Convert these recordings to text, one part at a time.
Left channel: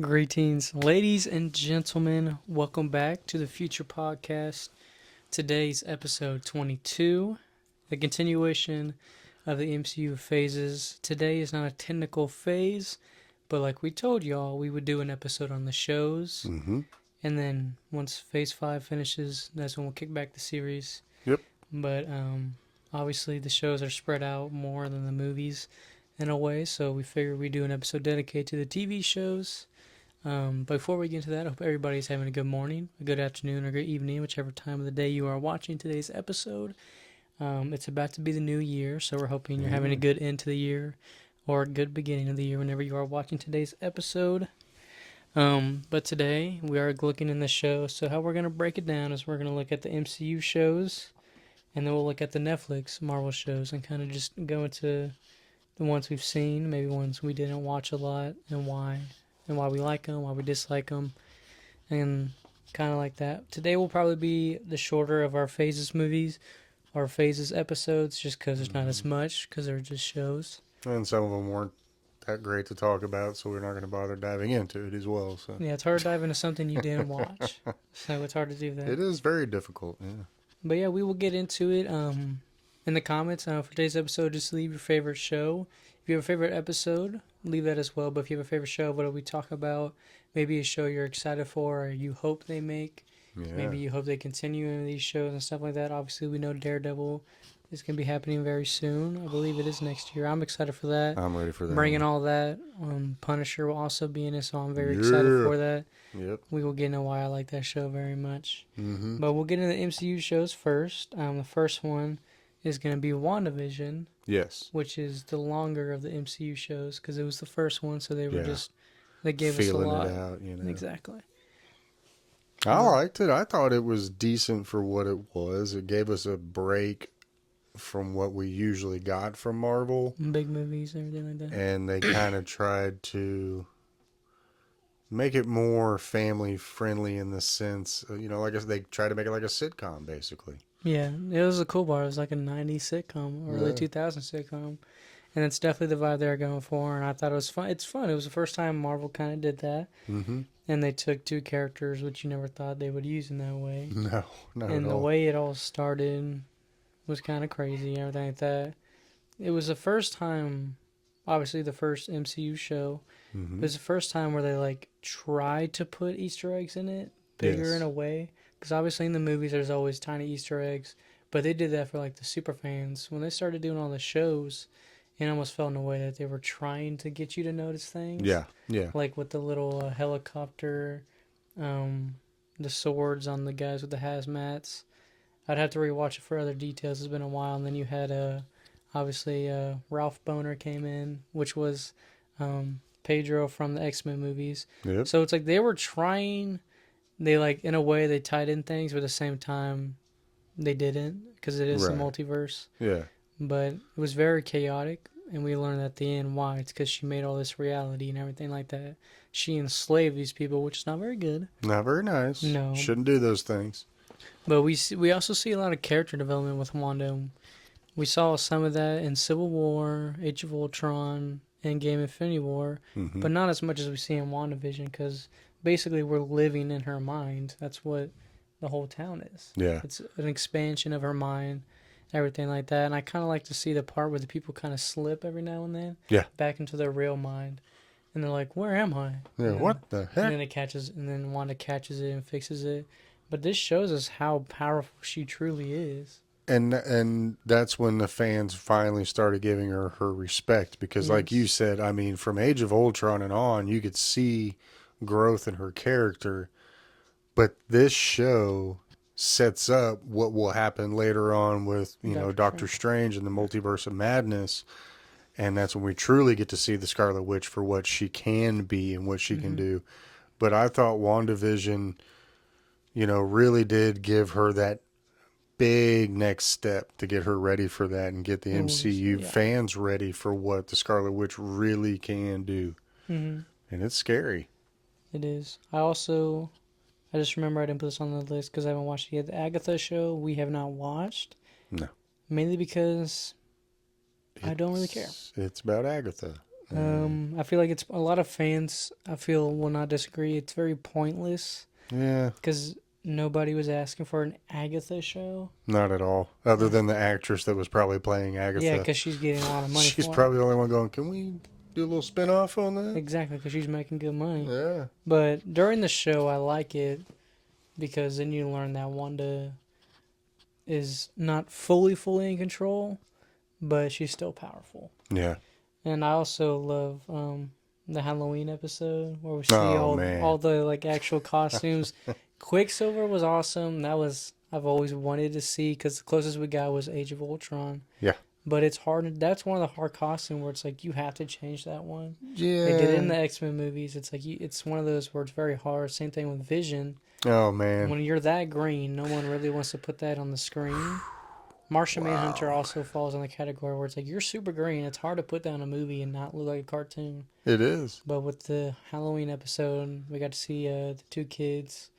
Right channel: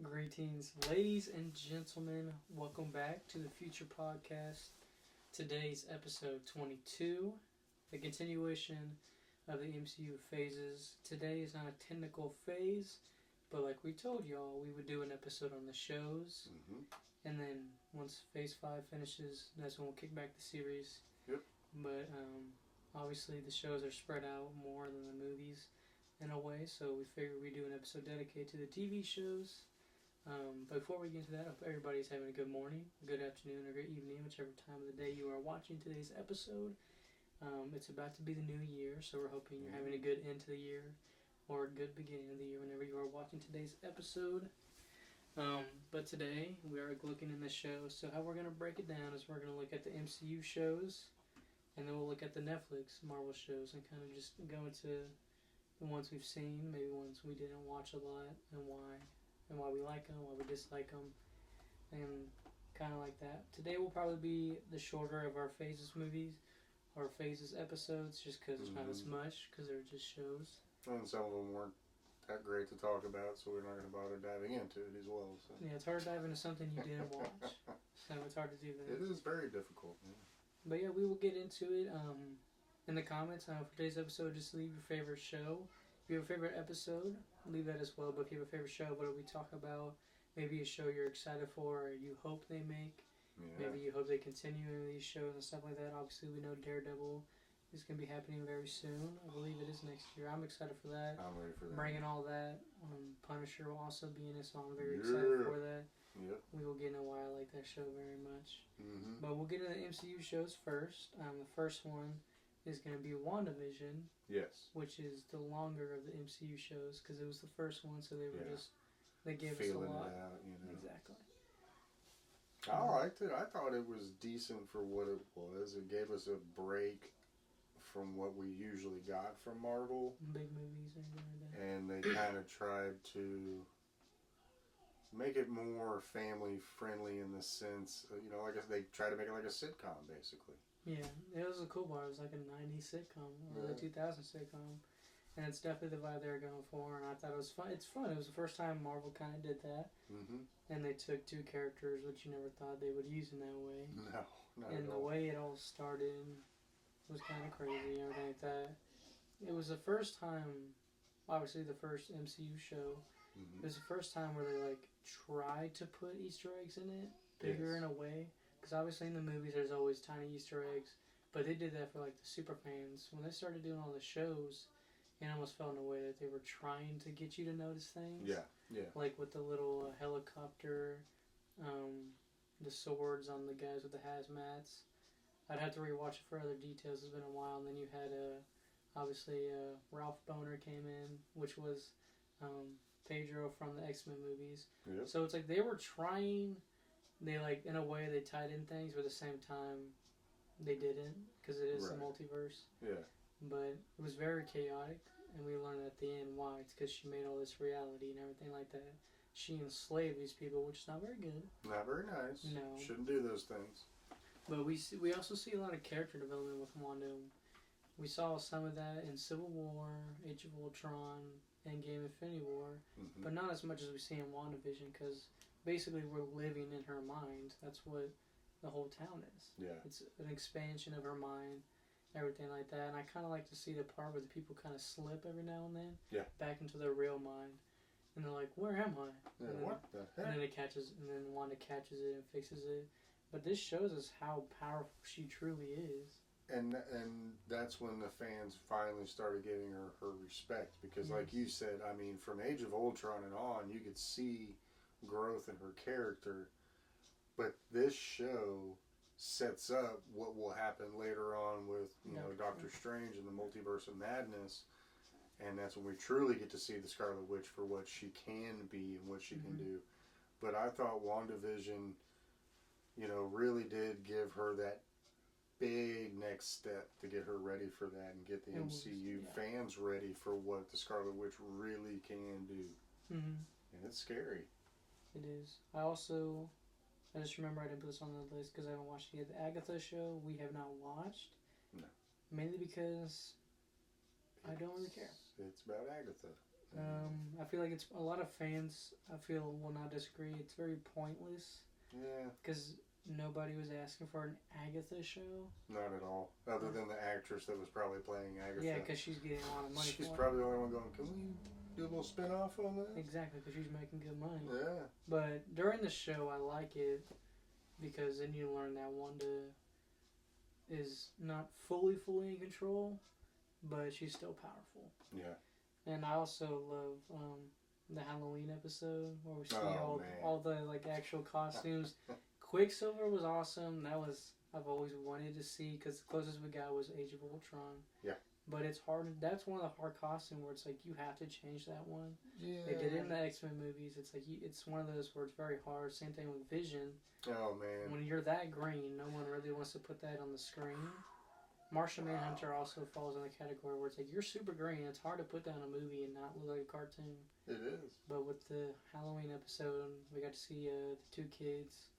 Greetings, ladies and gentlemen. Welcome back to the Future Podcast. Today's episode 22, the continuation of the MCU phases. Today is not a technical phase, but like we told y'all, we would do an episode on the shows. Mm-hmm. And then once phase 5 finishes, that's when we'll kick back the series. Yep. But obviously, the shows are spread out more than the movies in a way, so we figured we'd do an episode dedicated to the TV shows. Before we get into that, I hope everybody's having a good morning, a good afternoon, or good evening, whichever time of the day you are watching today's episode. It's about to be the new year, so we're hoping you're having a good end to the year or a good beginning of the year whenever you are watching today's episode. But today we are looking in the show, so how we're going to break it down is we're going to look at the MCU shows, and then we'll look at the Netflix Marvel shows and kind of just go into the ones we've seen, maybe ones we didn't watch a lot, and why we like them, why we dislike them, and kind of like that. Today will probably be the shorter of our phases movies, or phases episodes, just because there's not as much, because they're just shows. And some of them weren't that great to talk about, so we're not going to bother diving into it as well. So Yeah, it's hard to dive into something you didn't watch, so it's hard to do that. it is very difficult. Yeah. But yeah, we will get into it. In the comments for today's episode, just leave your favorite show. If you have a favorite episode, leave that as well. But if you have a favorite show, what do we talk about? Maybe a show you're excited for, or you hope they make. Yeah. Maybe you hope they continue in these shows and stuff like that. Obviously, we know Daredevil is going to be happening very soon. I believe it is next year. I'm excited for that. I'm ready for that. Bringing all that. Punisher will also be in it, so I'm very excited for that. Yep. We will get into why I like that show very much. Mm-hmm. But we'll get into the MCU shows first. The first one is going to be WandaVision, Yes. which is the longer of the MCU shows because it was the first one, so they were Yeah. they gave Feeling us a lot. it out, you know. Exactly. I liked it. I thought it was decent for what it was. It gave us a break from what we usually got from Marvel. Big movies and everything like that. And they kind of tried to make it more family friendly in the sense, like I said, they tried to make it like a sitcom, basically. Yeah, it was a cool bar. It was like a 90s sitcom, or early 2000s sitcom. And it's definitely the vibe they were going for, and I thought it was fun. It's fun. It was the first time Marvel kind of did that. Mm-hmm. And they took two characters, which you never thought they would use in that way. No, not And at the all. way it all started was kind of crazy and everything like that. It was the first time, obviously the first MCU show, Mm-hmm. it was the first time where they tried to put Easter eggs in it, bigger Yes. in a way. Because obviously in the movies there's always tiny Easter eggs, but they did that for the super fans. When they started doing all the shows, it almost felt in a way that they were trying to get you to notice things. Yeah, yeah. Like with the little helicopter, the swords on the guys with the hazmats. I'd have to rewatch it for other details. It's been a while. And then you had, obviously, Ralph Boner came in, which was Pedro from the X-Men movies. Yep. So it's like they were trying, in a way, they tied in things, but at the same time, they didn't, because it is the Right. multiverse. Yeah. But it was very chaotic, and we learned at the end why. It's because she made all this reality and everything like that. She enslaved these people, which is not very good. Not very nice. No. Shouldn't do those things. But we also see a lot of character development with Wanda. We saw some of that in Civil War, Age of Ultron, Endgame, Infinity War, Mm-hmm. but not as much as we see in WandaVision, because basically we're living in her mind. That's what the whole town is. Yeah. It's an expansion of her mind, everything like that. And I kind of like to see the part where the people kind of slip every now and then. Yeah. Back into their real mind. And they're like, where am I? Yeah. You know? What the And heck? then Wanda catches it and fixes it. But this shows us how powerful she truly is. And that's when the fans finally started giving her respect, because like you said, I mean, from Age of Ultron and on, you could see growth in her character. But this show sets up what will happen later on with, Doctor Strange and the Multiverse of Madness. And that's when we truly get to see the Scarlet Witch for what she can be and what she can do. But I thought WandaVision, really did give her that big next step to get her ready for that and get the MCU fans ready for what the Scarlet Witch really can do. Mm-hmm. And it's scary. It is. I just remember I didn't put this on the list because I haven't watched it yet. The Agatha show, we have not watched. No. Mainly because I don't really care. It's about Agatha. I feel like it's a lot of fans. I feel will not disagree. It's very pointless Yeah, because nobody was asking for an Agatha show. not at all. Other Uh, than the actress that was probably playing yeah, Agatha. because she's getting a lot of money She's for it. probably the only one going, can we do a little spin off on that? Exactly, because she's making good money. Yeah. But during the show, I like it because then you learn that Wanda is not fully in control, but she's still powerful. Yeah. And I also love the Halloween episode where we see Oh, all man. the like actual costumes. Quicksilver was awesome. That was I've always wanted to see because the closest we got was Age of Ultron. Yeah. But it's hard. That's one of the hard costumes where it's like you have to change that one. They did it in Yeah. the X-Men movies. It's like it's one of those where it's very hard. Same thing with Vision. Oh, man. When you're that green, no one really wants to put that on the screen. Martian Manhunter Wow. also falls in the category where it's like you're super green. It's hard to put that in a movie and not look like a cartoon. It is. But with the Halloween episode, we got to see the two kids,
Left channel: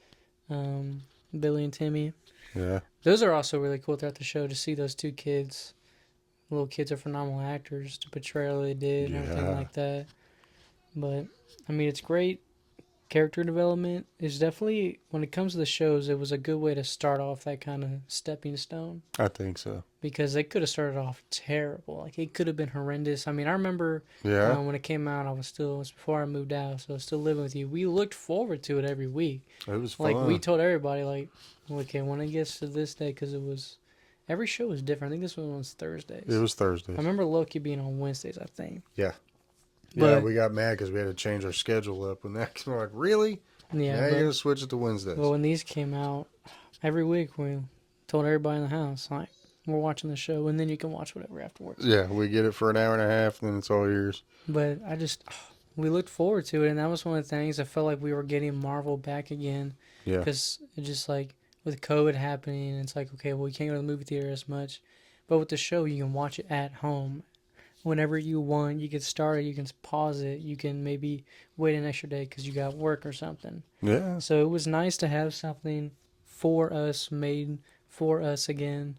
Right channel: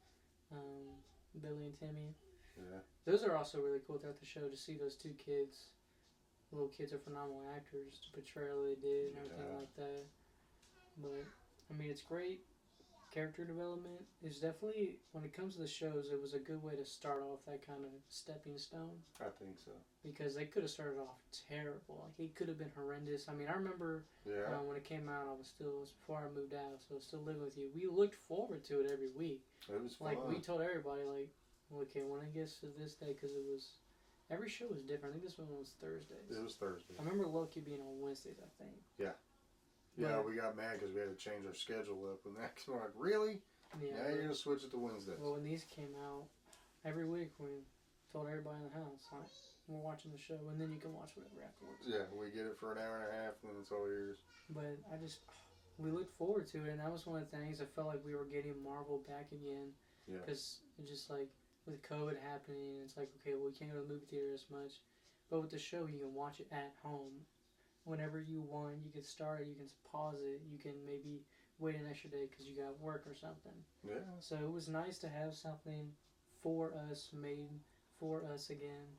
um, Billy and Timmy. Yeah. Those are also really cool throughout the show to see those two kids. Little kids are phenomenal actors to portray what they did and everything Yeah. like that. But I mean, it's great. Character development is definitely, when it comes to the shows, it was a good way to start off that kind of stepping stone. I think so. Because they could have started off terrible. Like, it could have been horrendous. I mean, I remember Yeah. when it came out, it was before I moved out, so I was still living with you. We looked forward to it every week. It was fun. Like, we told everybody, like, okay, when it gets to this day, because every show was different. I think this one was Thursdays. It was Thursday. I remember Loki being on Wednesdays, I think. Yeah. But, Yeah, we got mad because we had to change our schedule up. When that came, we're like, really? yeah, Now you're going to switch it to Wednesdays. but when these came out, every week we told everybody in the house, like, we're watching the show, and then you can watch whatever afterwards. Yeah, we get it for an hour and a half, and then it's all yours. But we looked forward to it, and that was one of the things. I felt like we were getting Marvel back again. Yeah. Because it just like, with COVID happening, it's like, okay, well, we can't go to the movie theater as much. But with the show, you can watch it at home. Whenever you want, you can start it, you can pause it, you can maybe wait an extra day because you got work or something. Yeah. So it was nice to have something for us, made for us again.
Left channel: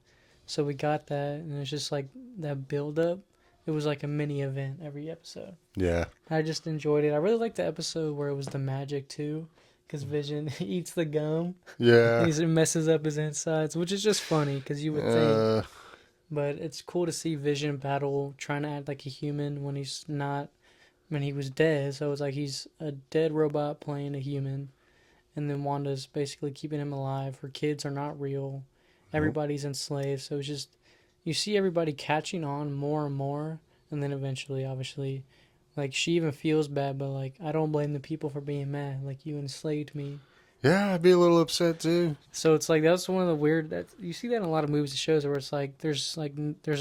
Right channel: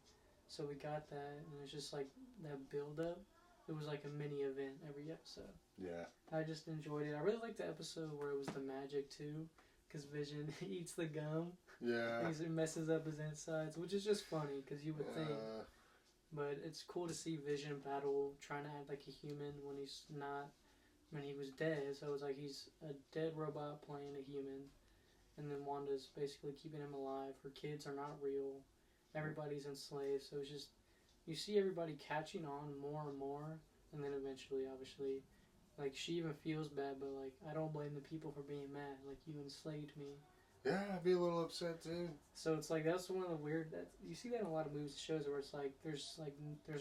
So we got that, and it's just like that build up. It was like a mini event every episode. Yeah. I just enjoyed it. I really liked the episode where it was the magic too, because Vision eats the gum. Yeah. He messes up his insides, which is just funny because you would think. But it's cool to see Vision battle, trying to act like a human when he's not, when he was dead. So it's like he's a dead robot playing a human. And then Wanda's basically keeping him alive. Her kids are not real. Everybody's enslaved. So it's just, you see everybody catching on more and more. And then eventually, obviously, like, she even feels bad, but like, I don't blame the people for being mad. Like, you enslaved me. Yeah, I'd be a little upset too. So it's like, that's one of the weird, that you see that in a lot of movies and shows where it's like there's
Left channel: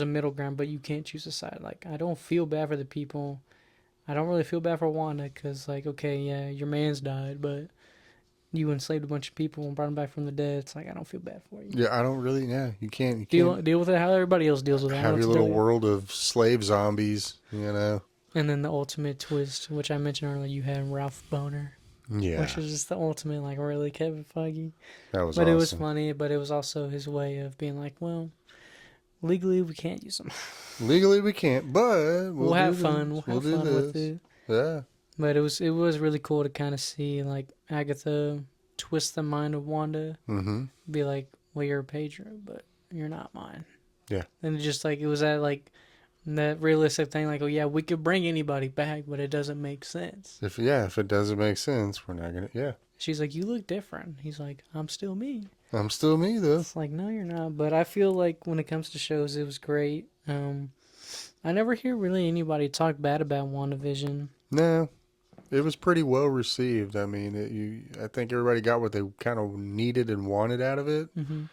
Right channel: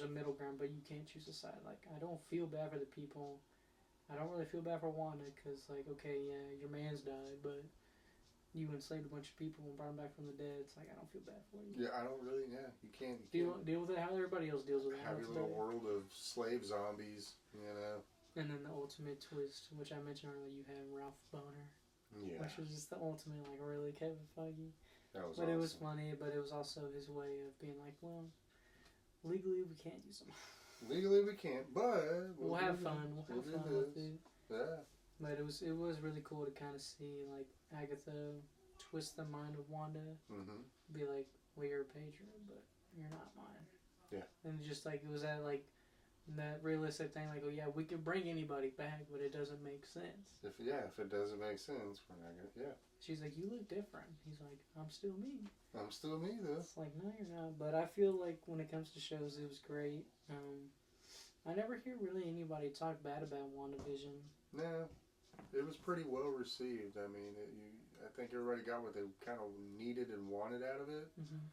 a middle ground, but you can't choose a side. Like, I don't feel bad for the people. I don't really feel bad for Wanda because, like, okay, yeah, your man's died, but you enslaved a bunch of people and brought them back from the dead. It's like, I don't feel bad for you. Yeah, I don't really. Yeah, you can't. Deal with it how everybody else deals with it. Have your little world of slave zombies, you know. And then the ultimate twist, which I mentioned earlier, you had Ralph Boner. Yeah, Which was just the ultimate, like, really Kevin Feige. that was. But awesome. it was funny, but it was also his way of being like, well, legally we can't use them. Legally, we can't, but We'll have fun. We'll have fun with it. Yeah. But it was really cool to kind of see, like, Agatha twist the mind of Wanda. Mm-hmm. Be like, well, you're Pedro, but you're not mine. Yeah. And it just, like, it was that realistic thing, like, oh, yeah, we could bring anybody back, but it doesn't make sense. If it doesn't make sense, we're not gonna. Yeah. She's like, you look different. He's like, I'm still me. I'm still me though. It's like, no, you're not. But I feel like when it comes to shows, it was great. I never hear really anybody talk bad about WandaVision. No, it was pretty well received. I mean, I think everybody got what they kind of needed and wanted out of it. Mm-hmm.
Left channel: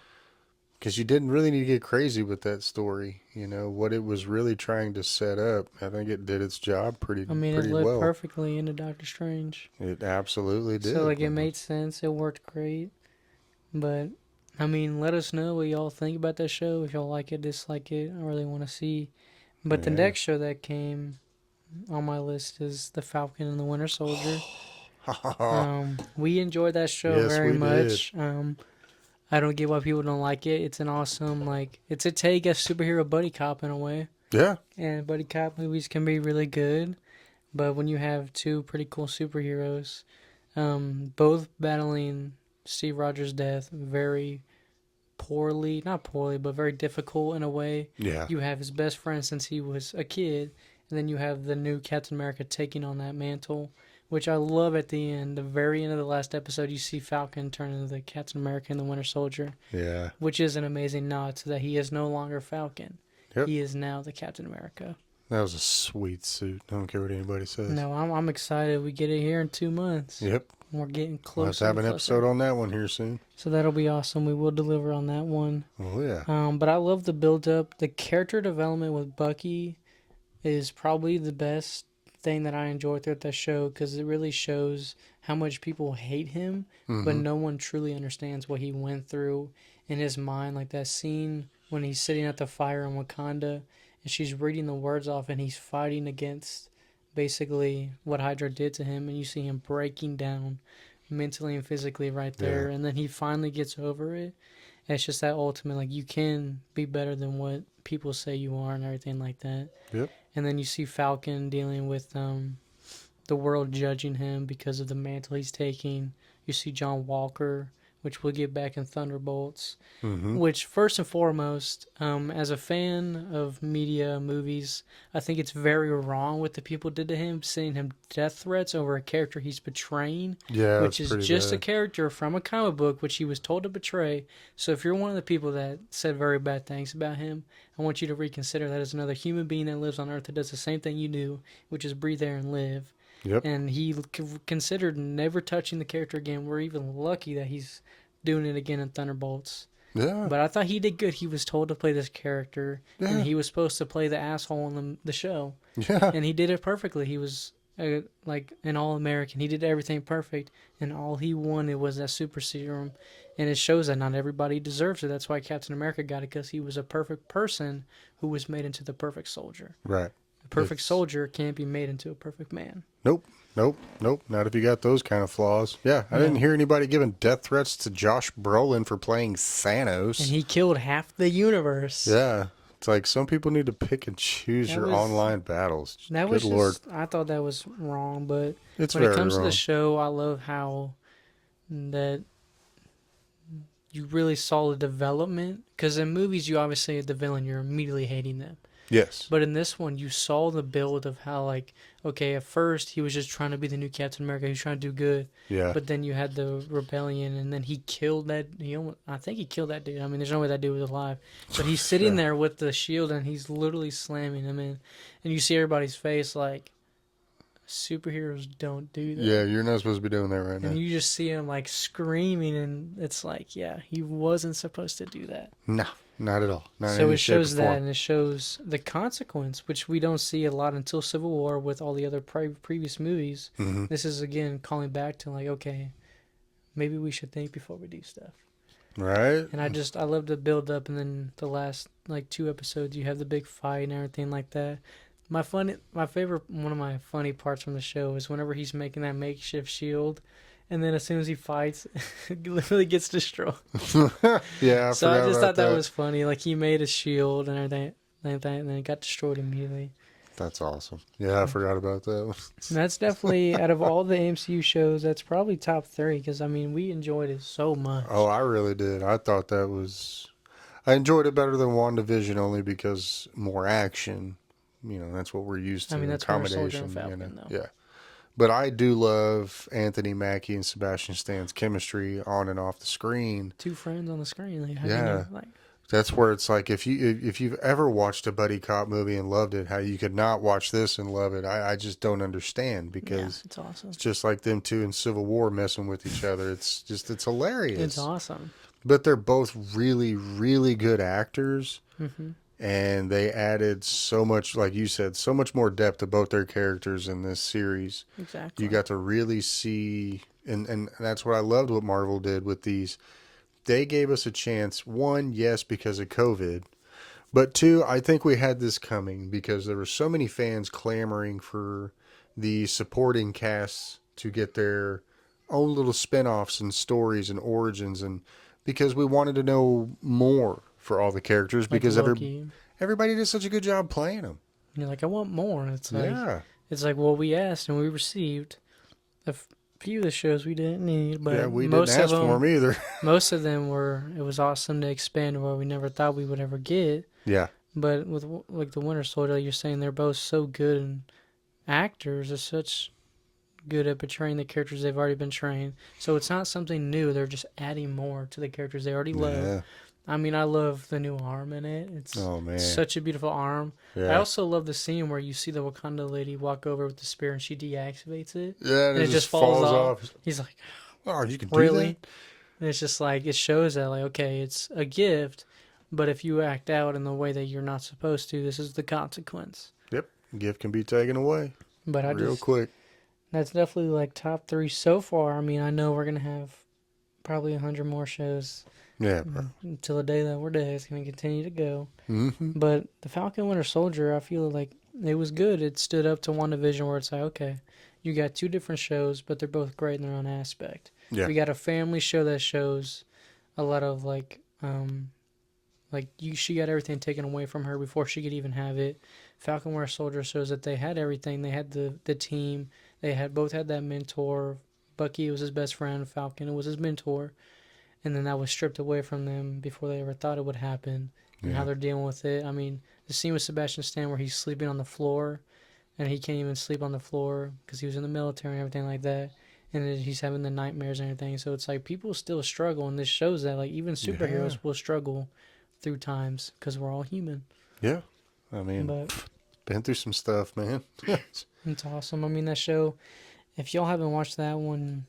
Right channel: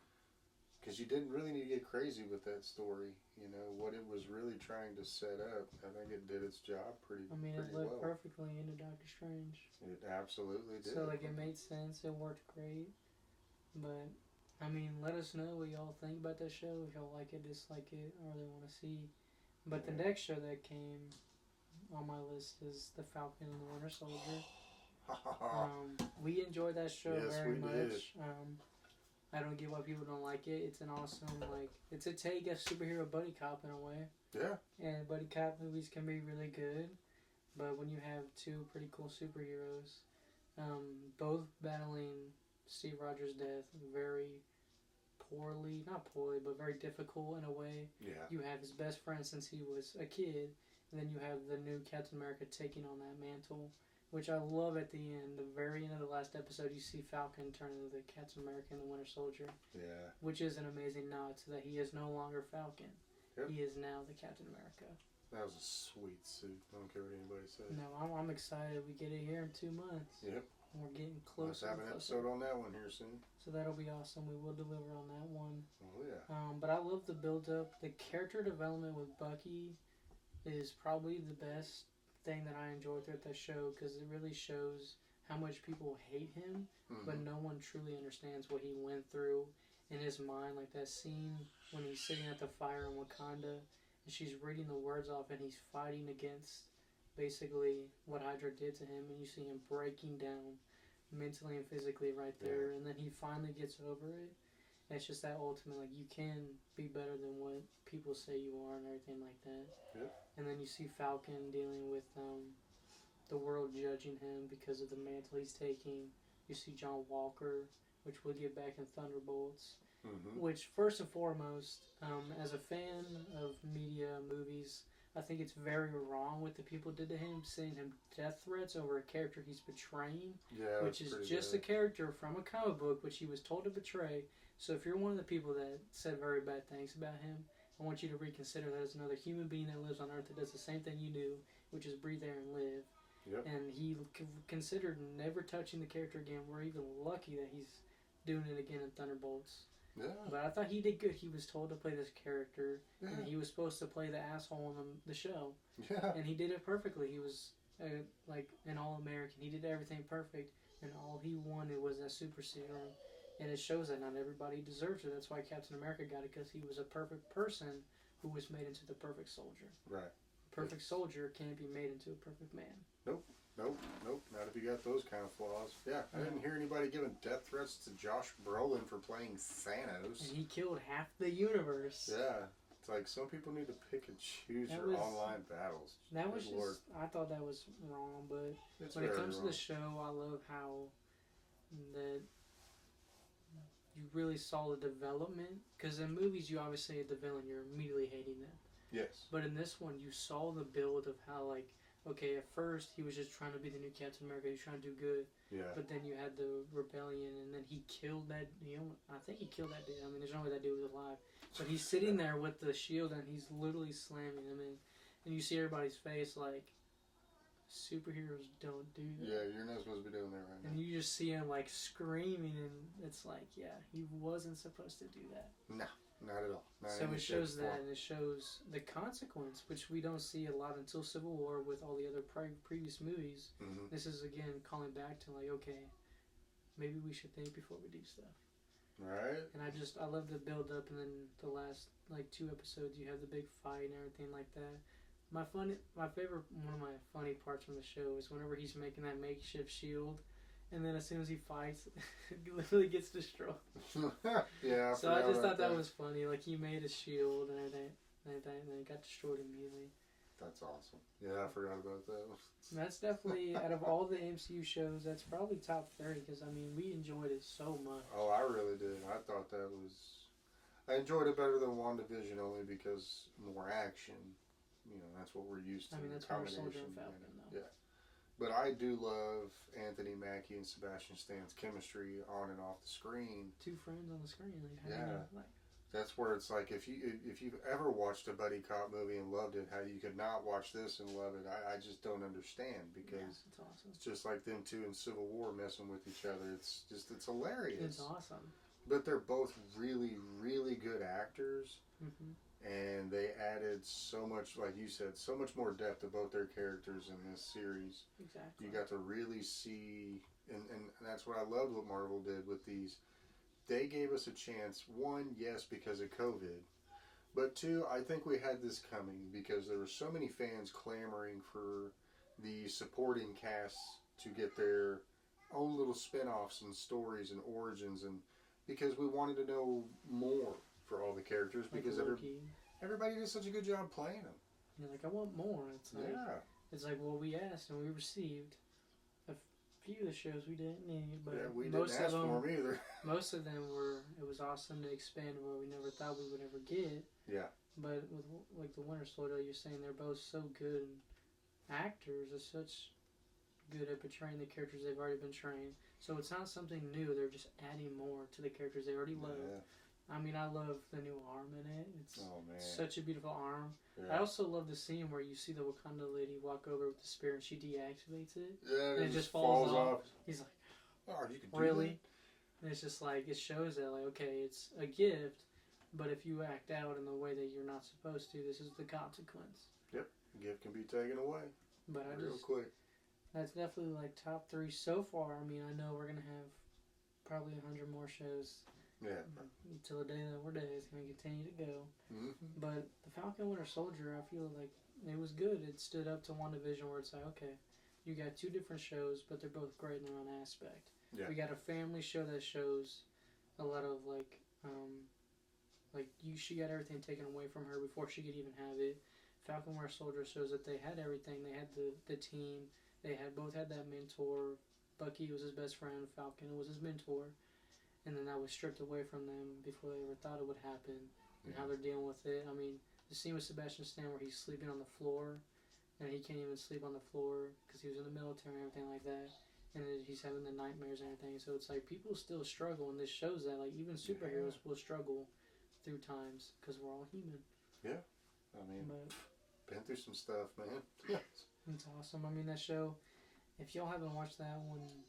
Because you didn't really need to get crazy with that story. You know, what it was really trying to set up. I think it did its job pretty It pretty lived well. perfectly into Doctor Strange. It absolutely did. So, like, it made sense. It worked great. But, I mean, let us know what y'all think about that show. If y'all like it, dislike it. I really want to see. But the next show that came on my list is The Falcon and the Winter Soldier. We enjoyed that show very much. I don't get why people don't like it. It's an awesome, like, it's a take at superhero buddy cop in a way. Yeah. And buddy cop movies can be really good. But when you have two pretty cool superheroes, both battling Steve Rogers' death very poorly, not poorly, but very difficult in a way. Yeah. You have his best friend since he was a kid, and then you have the new Captain America taking on that mantle, which I love at the end. The very end of the last episode, you see Falcon turn into the Captain America and the Winter Soldier, Yeah. which is an amazing nod to that he is no longer Falcon. Yep. He is now the Captain America. That was a sweet suit. I don't care what anybody says. No, I'm excited. We get it here in 2 months. Yep. We're getting We'll have to closer. have and an closer. episode on that one here soon. So that'll be awesome. We will deliver on that one. Oh, yeah. But I love the build up. The character development with Bucky is probably the best thing that I enjoy throughout that show because it really shows how much people hate him, but no one truly understands what he went through in his mind. Like that scene when he's sitting at the fire in Wakanda and she's reading the words off and he's fighting against basically what Hydra did to him, and you see him breaking down mentally and physically right there, Yeah. and then he finally gets over it. And it's just that ultimate, like, you can be better than what people say you are and everything like that. Yep. And then you see Falcon dealing with the world judging him because of the mantle he's taking. You see John Walker, which we'll get back in Thunderbolts. Which, first and foremost, as a fan of media movies, I think it's very wrong what the people did to him, sending him death threats over a character he's betraying, Yeah. which is just bad. a character from a comic book which he was told to betray. So if you're one of the people that said very bad things about him, I want you to reconsider that as another human being that lives on Earth that does the same thing you do, which is breathe air and live. Yep. And he considered never touching the character again. We're even lucky that he's doing it again in Thunderbolts. Yeah. But I thought he did good. He was told to play this character, Yeah. and he was supposed to play the asshole in the show, Yeah. and he did it perfectly. He was like an all-American. He did everything perfect, and all he wanted was that super serum. And it shows that not everybody deserves it. That's why Captain America got it, because he was a perfect person who was made into the perfect soldier. Right. A perfect soldier can't be made into a perfect man. Nope. Not if you got those kind of flaws. Yeah, I didn't hear anybody giving death threats to Josh Brolin for playing Thanos. And he killed half the universe. Yeah. It's like some people need to pick and choose That your was- online battles. That Good was Lord. just, I thought that was wrong, but It's when very it comes wrong. to the show, I love how that you really saw the development. Because in movies, you obviously the villain, you're immediately hating them. Yes. But in this one, you saw the build of how, like, okay, at first he was just trying to be the new Captain America. He was trying to do good. Yeah. But then you had the rebellion, and then he killed that. I think he killed that dude. I mean, there's no way that dude was alive. But he's sitting there with the shield, and he's literally slamming him in. And you see everybody's face like, superheroes don't do that. Yeah, you're not supposed to be doing that right And now. you just see him like screaming, and it's like, yeah, he wasn't supposed to do that. No, not at all. Not in So any it shape or shows that, form. and it shows the consequence, which we don't see a lot until Civil War with all the other previous movies. Mm-hmm. This is again calling back to like, okay, maybe we should think before we do stuff. Right? And I love the build up, and then the last like 2 episodes, you have the big fight and everything like that. One of my funny parts from the show is whenever he's making that makeshift shield, and then as soon as he fights, it literally gets destroyed. Yeah, So I just thought that that was funny. Like he made a shield and everything like that, and then it got destroyed immediately. That's awesome. Yeah, I forgot about that one. And that's definitely out of all the MCU shows, that's probably top 3 because I mean we enjoyed it so much. Oh, I really did. I thought that was... I enjoyed it better than WandaVision only because more action. You know, that's what we're used to. I mean, that's Winter Soldier accommodation. and Falcon, though. Yeah. But I do love Anthony Mackie and Sebastian Stan's chemistry on and off the screen. 2 friends on the screen. Like, how Yeah. can you, like, That's where it's like if you've ever watched a buddy cop movie and loved it, how you could not watch this and love it. I just don't understand yeah, because it's awesome. it's just like them two in Civil War messing with each other. It's hilarious. It's awesome. But they're both really, really good actors. Mm-hmm. And they added so much, like you said, so much more depth to both their characters in this series. Exactly. You got to really see, and that's what I loved what Marvel did with these. They gave us a chance, one, yes, because of COVID, but two, I think we had this coming because there were so many fans clamoring for the supporting casts to get their own little spin-offs and stories and origins, and because we wanted to know more for all the characters Like because Loki. everybody did such a good job playing them. You're like, I want more. And it's like, Yeah. it's like, well, we asked and we received a few of the shows we didn't need, Yeah, but we didn't ask for them either. most of them were. It was awesome to expand where we never thought we would ever get. Yeah. But with like the Winter Soldier, you're saying they're both so good and actors are such good at portraying the characters they've already been trained. So it's not something new. They're just adding more to the characters they already love. Yeah. I mean, I love the new arm in it. It's Oh man. such a beautiful arm. I Yeah. also love the scene where you see the Wakanda lady walk over with the spear and she deactivates it. Yeah, And it just falls off. He's like, oh, you can do really? that? And it's just like, it shows that, like, okay, it's a gift, but if you act out in the way that you're not supposed to, this is the consequence. Yep. Gift can be taken away But real quick. that's definitely like top 3 so far. I mean, I know we're going to have probably 100 more shows. Yeah, bro. Until the day that we're dead, it's going to continue to go. Mm-hmm. But the Falcon Winter Soldier, I feel like it was good. It stood up to WandaVision where it's like, okay, you got 2 different shows, but they're both great in their own aspect. Yeah. We got a family show that shows a lot of like she got everything taken away from her before she could even have it. Falcon Winter Soldier shows that they had everything. They had the team. They had both had that mentor. Bucky was his best friend. Falcon was his mentor. And then that was stripped away from them before they ever thought it would happen. And how they're dealing with it. I mean, the scene with Sebastian Stan where he's sleeping on the floor, and he can't even sleep on the floor because he was in the military and everything like that. And then he's having the nightmares and everything. So it's like people still struggle, and this shows that like even superheroes will struggle through times because we're all human. Yeah, I mean, been through some stuff, man. It's awesome. I mean, that show. If y'all haven't watched that one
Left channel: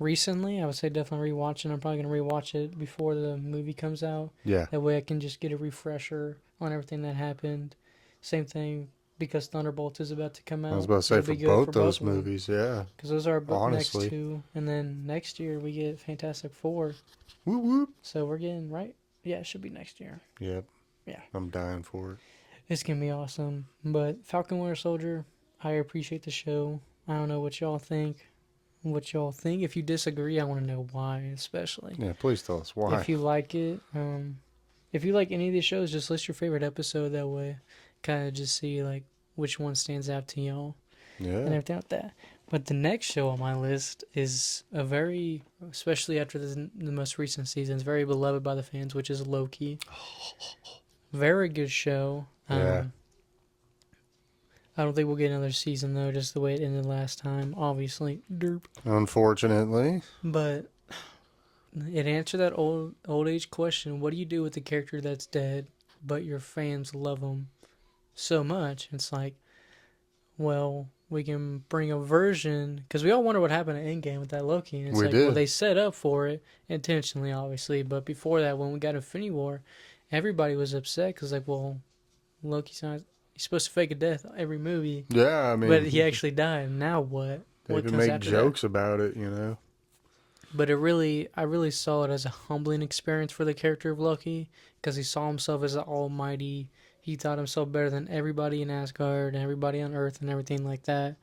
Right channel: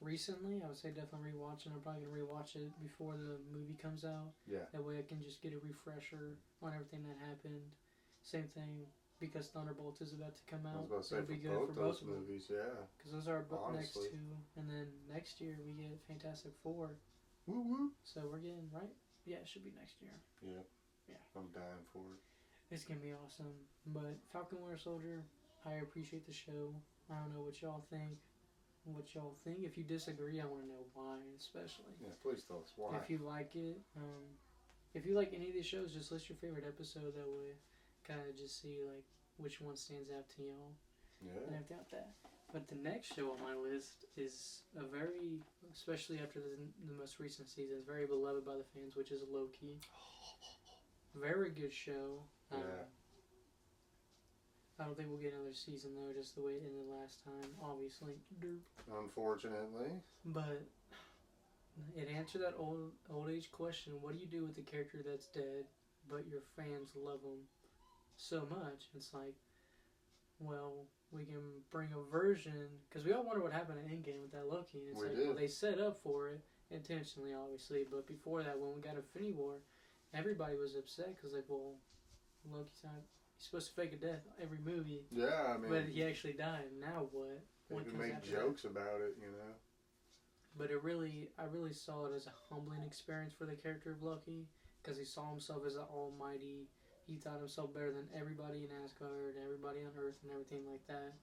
recently, I would say definitely rewatch it. I'm probably gonna rewatch it before the movie comes out. Yeah. That way I can just get a refresher on everything that happened. Same thing because Thunderbolts is about to come out. I was about to say for both those movies, yeah. Because those are both next 2, and then next year we get Fantastic Four. Whoop whoop. So we're getting right. Yeah, it should be next year. Yep. Yeah. I'm dying for it. It's gonna be awesome. But Falcon Winter Soldier, I appreciate the show. I don't know what y'all think. If you disagree, I want to know why, especially. Yeah, please tell us why. If you like it, if you like any of these shows, just list your favorite episode. That way, kind of just see like which one stands out to y'all. Yeah. And everything like that. But the next show on my list is a very, especially after the most recent seasons, very beloved by the fans, which is Loki. Very good show. Yeah. I don't think we'll get another season, though, just the way it ended last time, obviously. Derp. Unfortunately. But it answered that old age question. What do you do with the character that's dead, but your fans love him so much? It's like, well, we can bring a version, because we all wonder what happened at Endgame with that Loki. And it's well, they set up for it, intentionally, obviously. But before that, when we got Infinity War, everybody was upset, because, like, well, Loki's not... He's supposed to fake a death every movie. Yeah, I mean... But he actually died. Now what? They even make jokes about it, you know? But I really saw it as a humbling experience for the character of Loki, because he saw himself as the almighty. He thought himself better than everybody in Asgard and everybody on Earth and everything like that.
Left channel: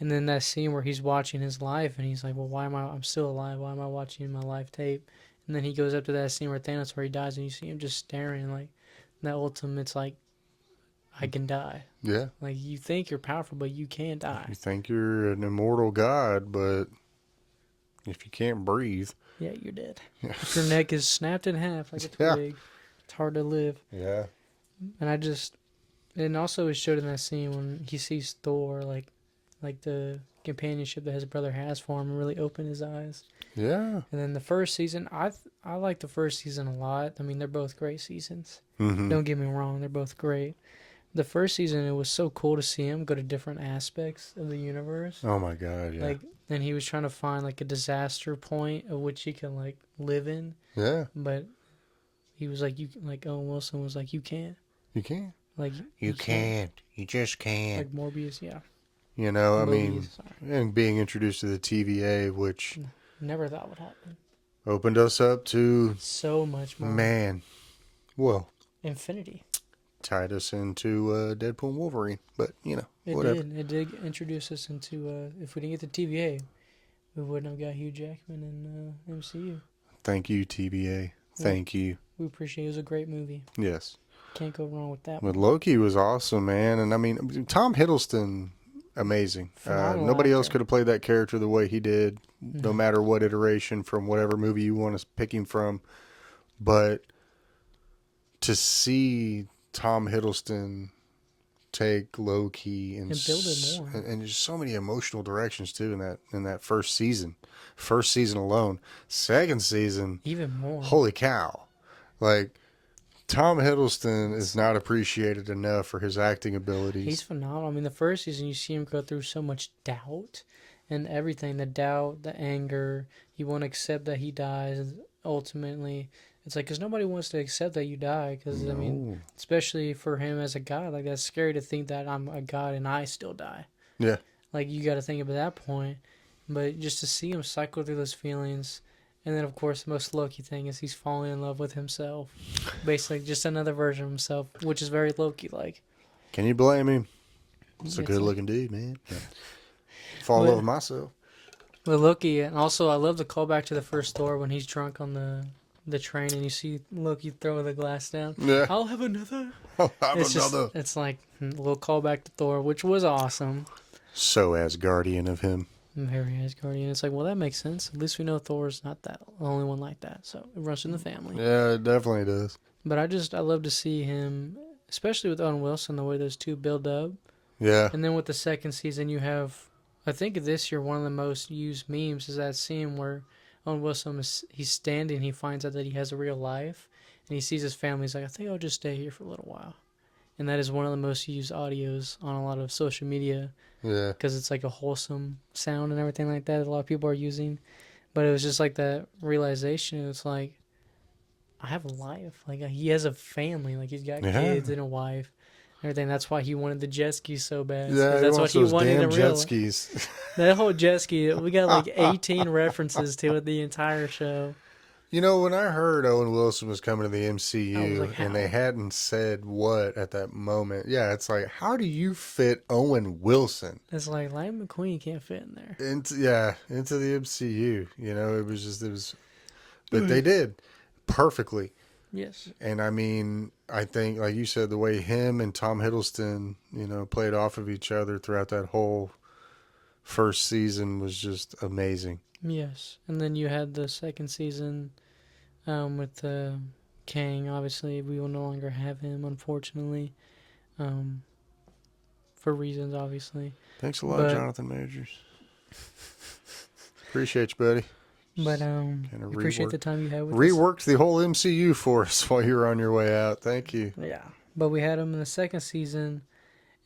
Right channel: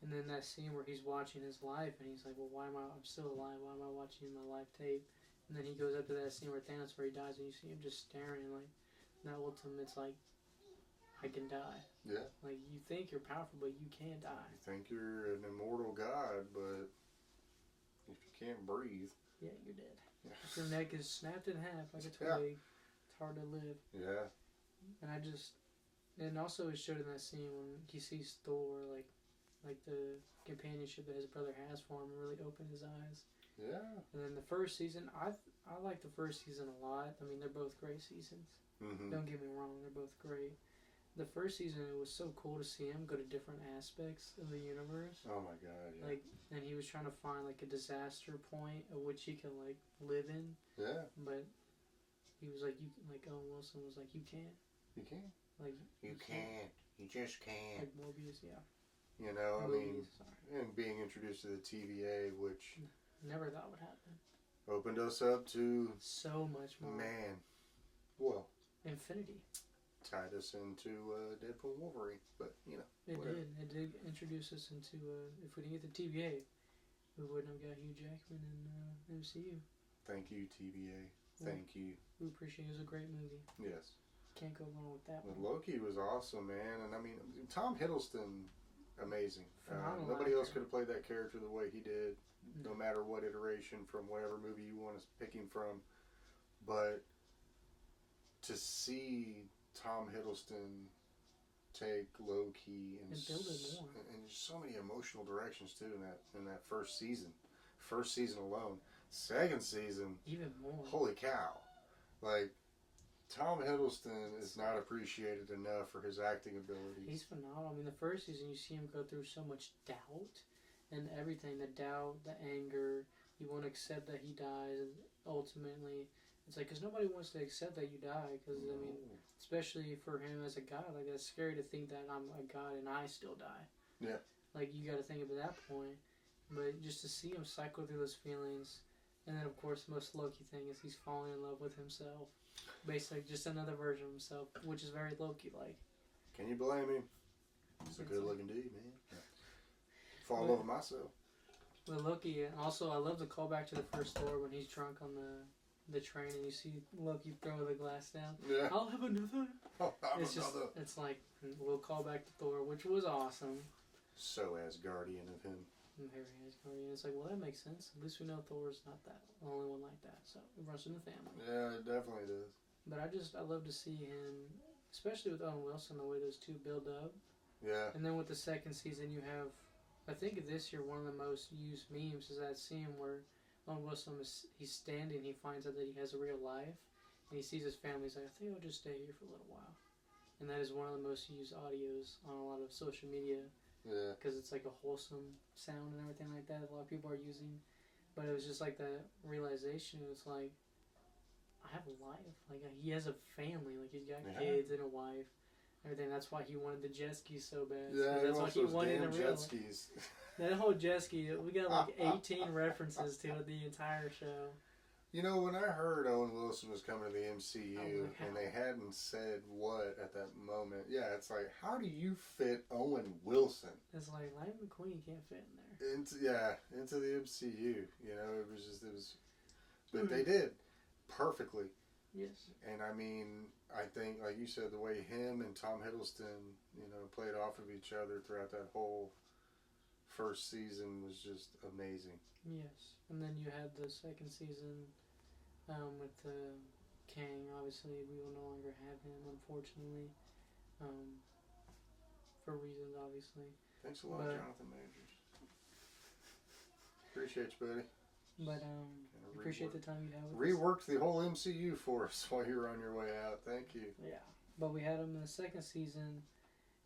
And then that scene where he's watching his life, and he's like, well, I'm still alive. Why am I watching my life tape? And then he goes up to that scene where Thanos, where he dies, and you see him just staring, like, that ultimate's like, I can die. Yeah. Like, you think you're powerful, but you can't die. You think you're an immortal god, but if you can't breathe... Yeah, you're dead. Yeah. If your neck is snapped in half like a twig, it's hard to live. Yeah. And also it showed in that scene when he sees Thor, like the companionship that his brother has for him, really open his eyes. Yeah. And then the first season, I like the first season a lot. I mean, they're both great seasons. Mm-hmm. Don't get me wrong, they're both great. The first season, it was so cool to see him go to different aspects of the universe. Oh my god, yeah. Like, and he was trying to find like a disaster point of which he can like live in. Yeah. But he was like, Owen Wilson was like, you can't. You can't. Like, you can't. You just can't. Like Morbius, yeah. You know, I mean, and being introduced to the TVA, which... Never thought would happen. Opened us up to... So much more. Man. Well. Infinity. Tied us into Deadpool and Wolverine, but, you know, whatever. It did introduce us into, if we didn't get the TVA, we wouldn't have got Hugh Jackman in MCU. Thank you, TVA. Thank you. We appreciate it. It was a great movie. Yes. Can't go wrong with that one. But Loki was awesome, man. And, I mean, Tom Hiddleston, amazing. Phenomenal Nobody else actor. could have played that character the way he did, no No. matter what iteration from whatever movie you want to pick him from. But to see Tom Hiddleston take Loki And build it more. and just so many emotional directions too in that first season alone. Second season, Even more. holy cow! Like Tom Hiddleston is not appreciated enough for his acting He's abilities. phenomenal. I mean, the first season, you see him go through so much doubt and everything, the doubt, the anger. He won't accept that he dies. Ultimately, it's like, because nobody wants to accept that you die. Because, I mean, No. especially for him as a god, like, that's scary to think that I'm a god and I still die. Yeah. Like, you got to think about that point. But just to see him cycle through those feelings. And then, of course, the most Loki thing is he's falling in love with himself. Basically, just another version of himself, which is very Loki like. Can you blame him? It's a It's good like, looking dude, man. Yeah. Fall in love but with myself. But Loki, and also I love the callback to the first Thor when he's drunk on the train and you see Loki throw the glass down. Yeah. I'll have another. I'll have It's just another. it's like a little callback to Thor, which was awesome. So Asgardian of him. Very Asgardian. It's like, well, that makes sense. At least we know Thor's not the only one like that, so it runs in the family. Yeah, it definitely does. But I love to see him, especially with Owen Wilson, the way those two build up. Yeah. And then with the second season, you have, I think this year, one of the most used memes is that scene where Owen Wilson he's standing, he finds out that he has a real life, and he sees his family. He's like, I think I'll just stay here for a little while. And that is one of the most used audios on a lot of social media Yeah. because it's like a wholesome sound and everything like that. A lot of people are using, but it was just like that realization. It's like, I have a life. Like he has a family. Like he's got Yeah. kids and a wife. Everything. That's why he wanted the jet ski so bad. Yeah, That's what wants he those wanted to damn jet realize. skis. That whole jet ski, we got like 18 references to it the entire show. You know, when I heard Owen Wilson was coming to the I was MCU like, and they how? hadn't said what at that moment, yeah, it's like, how do you fit Owen Wilson It's like Lightning McQueen can't fit in there. into the MCU? You know, but they did perfectly. Yes. And I mean, I think, like you said, the way him and Tom Hiddleston, you know, played off of each other throughout that whole first season was just amazing. Yes. And then you had the second season with Kang. Obviously, we will no longer have him, unfortunately, um, for reasons, obviously. Thanks a lot, But Jonathan Majors. Appreciate you, buddy. but Kind of appreciate the time you had with us. reworked the whole MCU for us while you were on your way out. Thank you. Yeah. But we had him in the second season,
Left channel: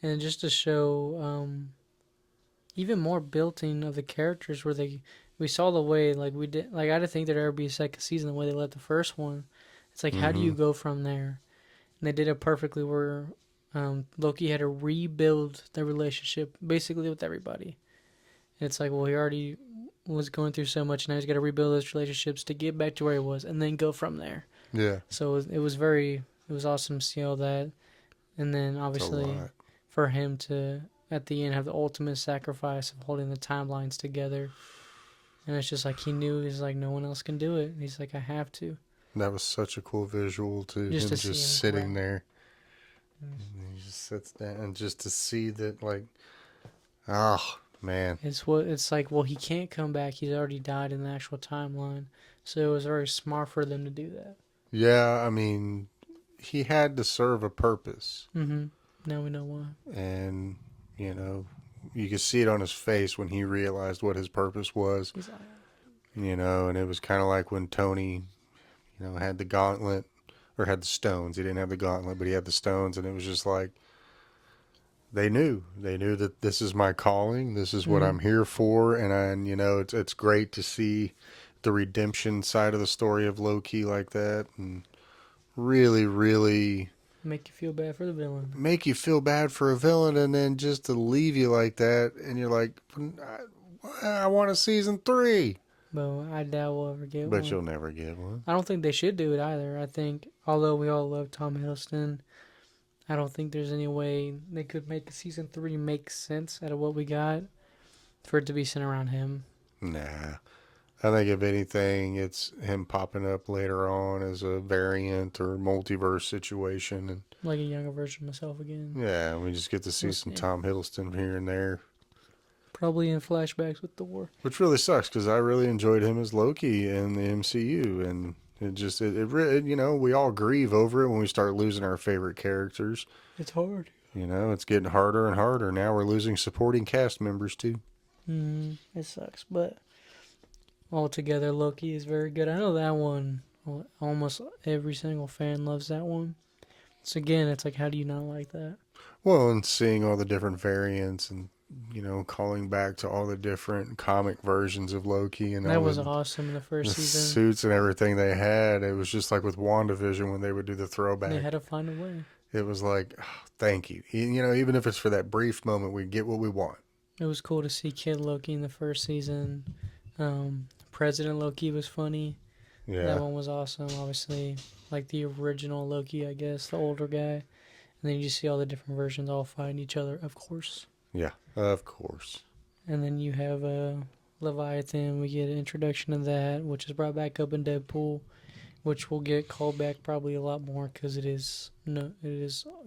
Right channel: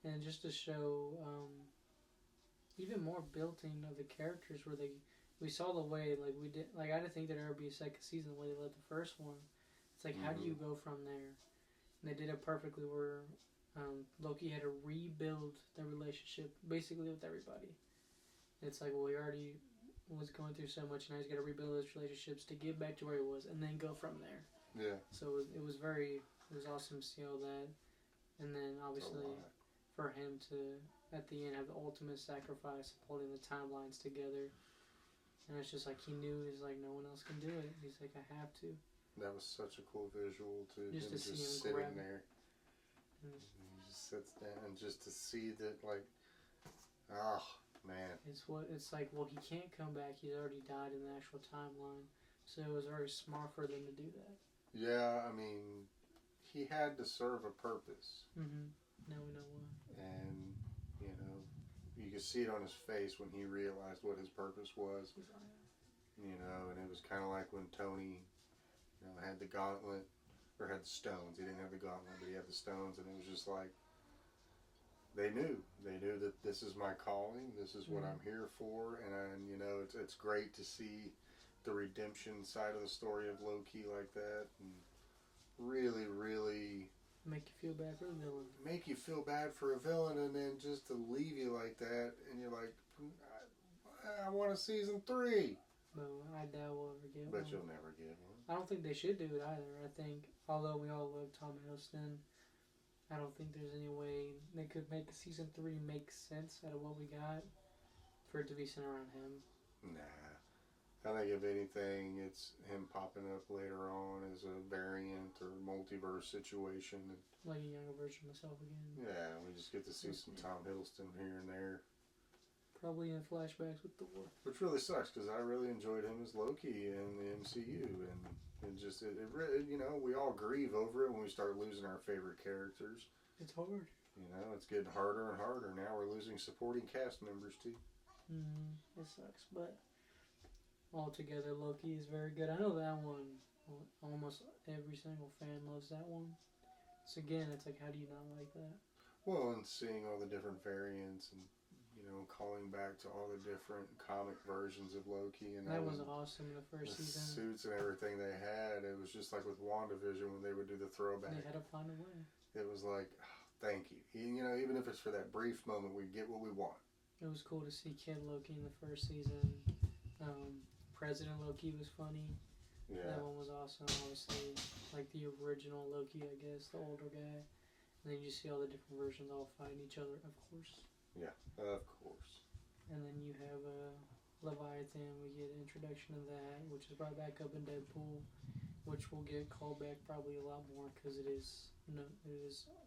and just to show even more built-in of the characters where we saw the way like we did, like I didn't think there'd ever be a second season the way they left the first one. It's like, how do you go from there? And they did it perfectly where Loki had to rebuild the relationship basically with everybody. And it's like, well, he already was going through so much, now he's got to rebuild those relationships to get back to where he was and then go from there. Yeah. So it was awesome to see all that. And then It's a obviously lot. for him to at the end have the ultimate sacrifice of holding the timelines together. And it's just like he knew, he's like, no one else can do it. He's like, I have to. That was such a cool visual to Just him to see him just sitting grow. there. And he just sits down and just to see that, like, oh, man. It's like, well, he can't come back. He's already died in the actual timeline. So it was very smart for them to do that. Yeah, I mean, he had to serve a purpose. Mm-hmm. Now we know why. And, you know, you could see it on his face when he realized what his purpose was. He's like, You know, and it was kind of like when Tony, you know, had the gauntlet, or had the stones. He didn't have the gauntlet, but he had the stones, and it was just like, they knew that this is my calling. This is what I'm here for. And you know, it's great to see the redemption side of the story of Loki like that, and really, really make you feel bad for the villain. make you feel bad for a villain, and then just to leave you like that, and you're like, I want a season 3. But I doubt we'll ever get But one. you'll never get one. I don't think they should do it either. I think, although we all love Tom Hiddleston, I don't think there's any way they could make a season 3 make sense out of what we got for it to be centered around him. Nah. I think if anything, it's him popping up later on as a variant or multiverse situation. And Like a younger version of myself again. yeah, we just get to see We'll some see. Tom Hiddleston here and there. Probably in flashbacks with Thor. Which really sucks because I really enjoyed him as Loki in the MCU, and we all grieve over it when we start losing our favorite characters. It's hard. It's getting harder and harder. Now we're losing supporting cast members too. It sucks, but altogether, Loki is very good. I know that one. Almost every single fan loves that one. So again, it's like, how do you not like that? Well, and seeing all the different variants and calling back to all the different comic versions of Loki and That all was the awesome in the first season. suits and everything they had. It was just like with WandaVision when they would do the throwback. They had to find a way. It was like, oh, thank you. Even if it's for that brief moment, we get what we want. It was cool to see Kid Loki in the first season. President Loki was funny. Yeah. That one was awesome. Obviously, like the original Loki, I guess, the older guy. And then you just see all the different versions all fighting each other, of course. Yeah, of course. And then you have Leviathan. We get an introduction of that, which is brought back up in Deadpool, which will get called back probably a lot more because it is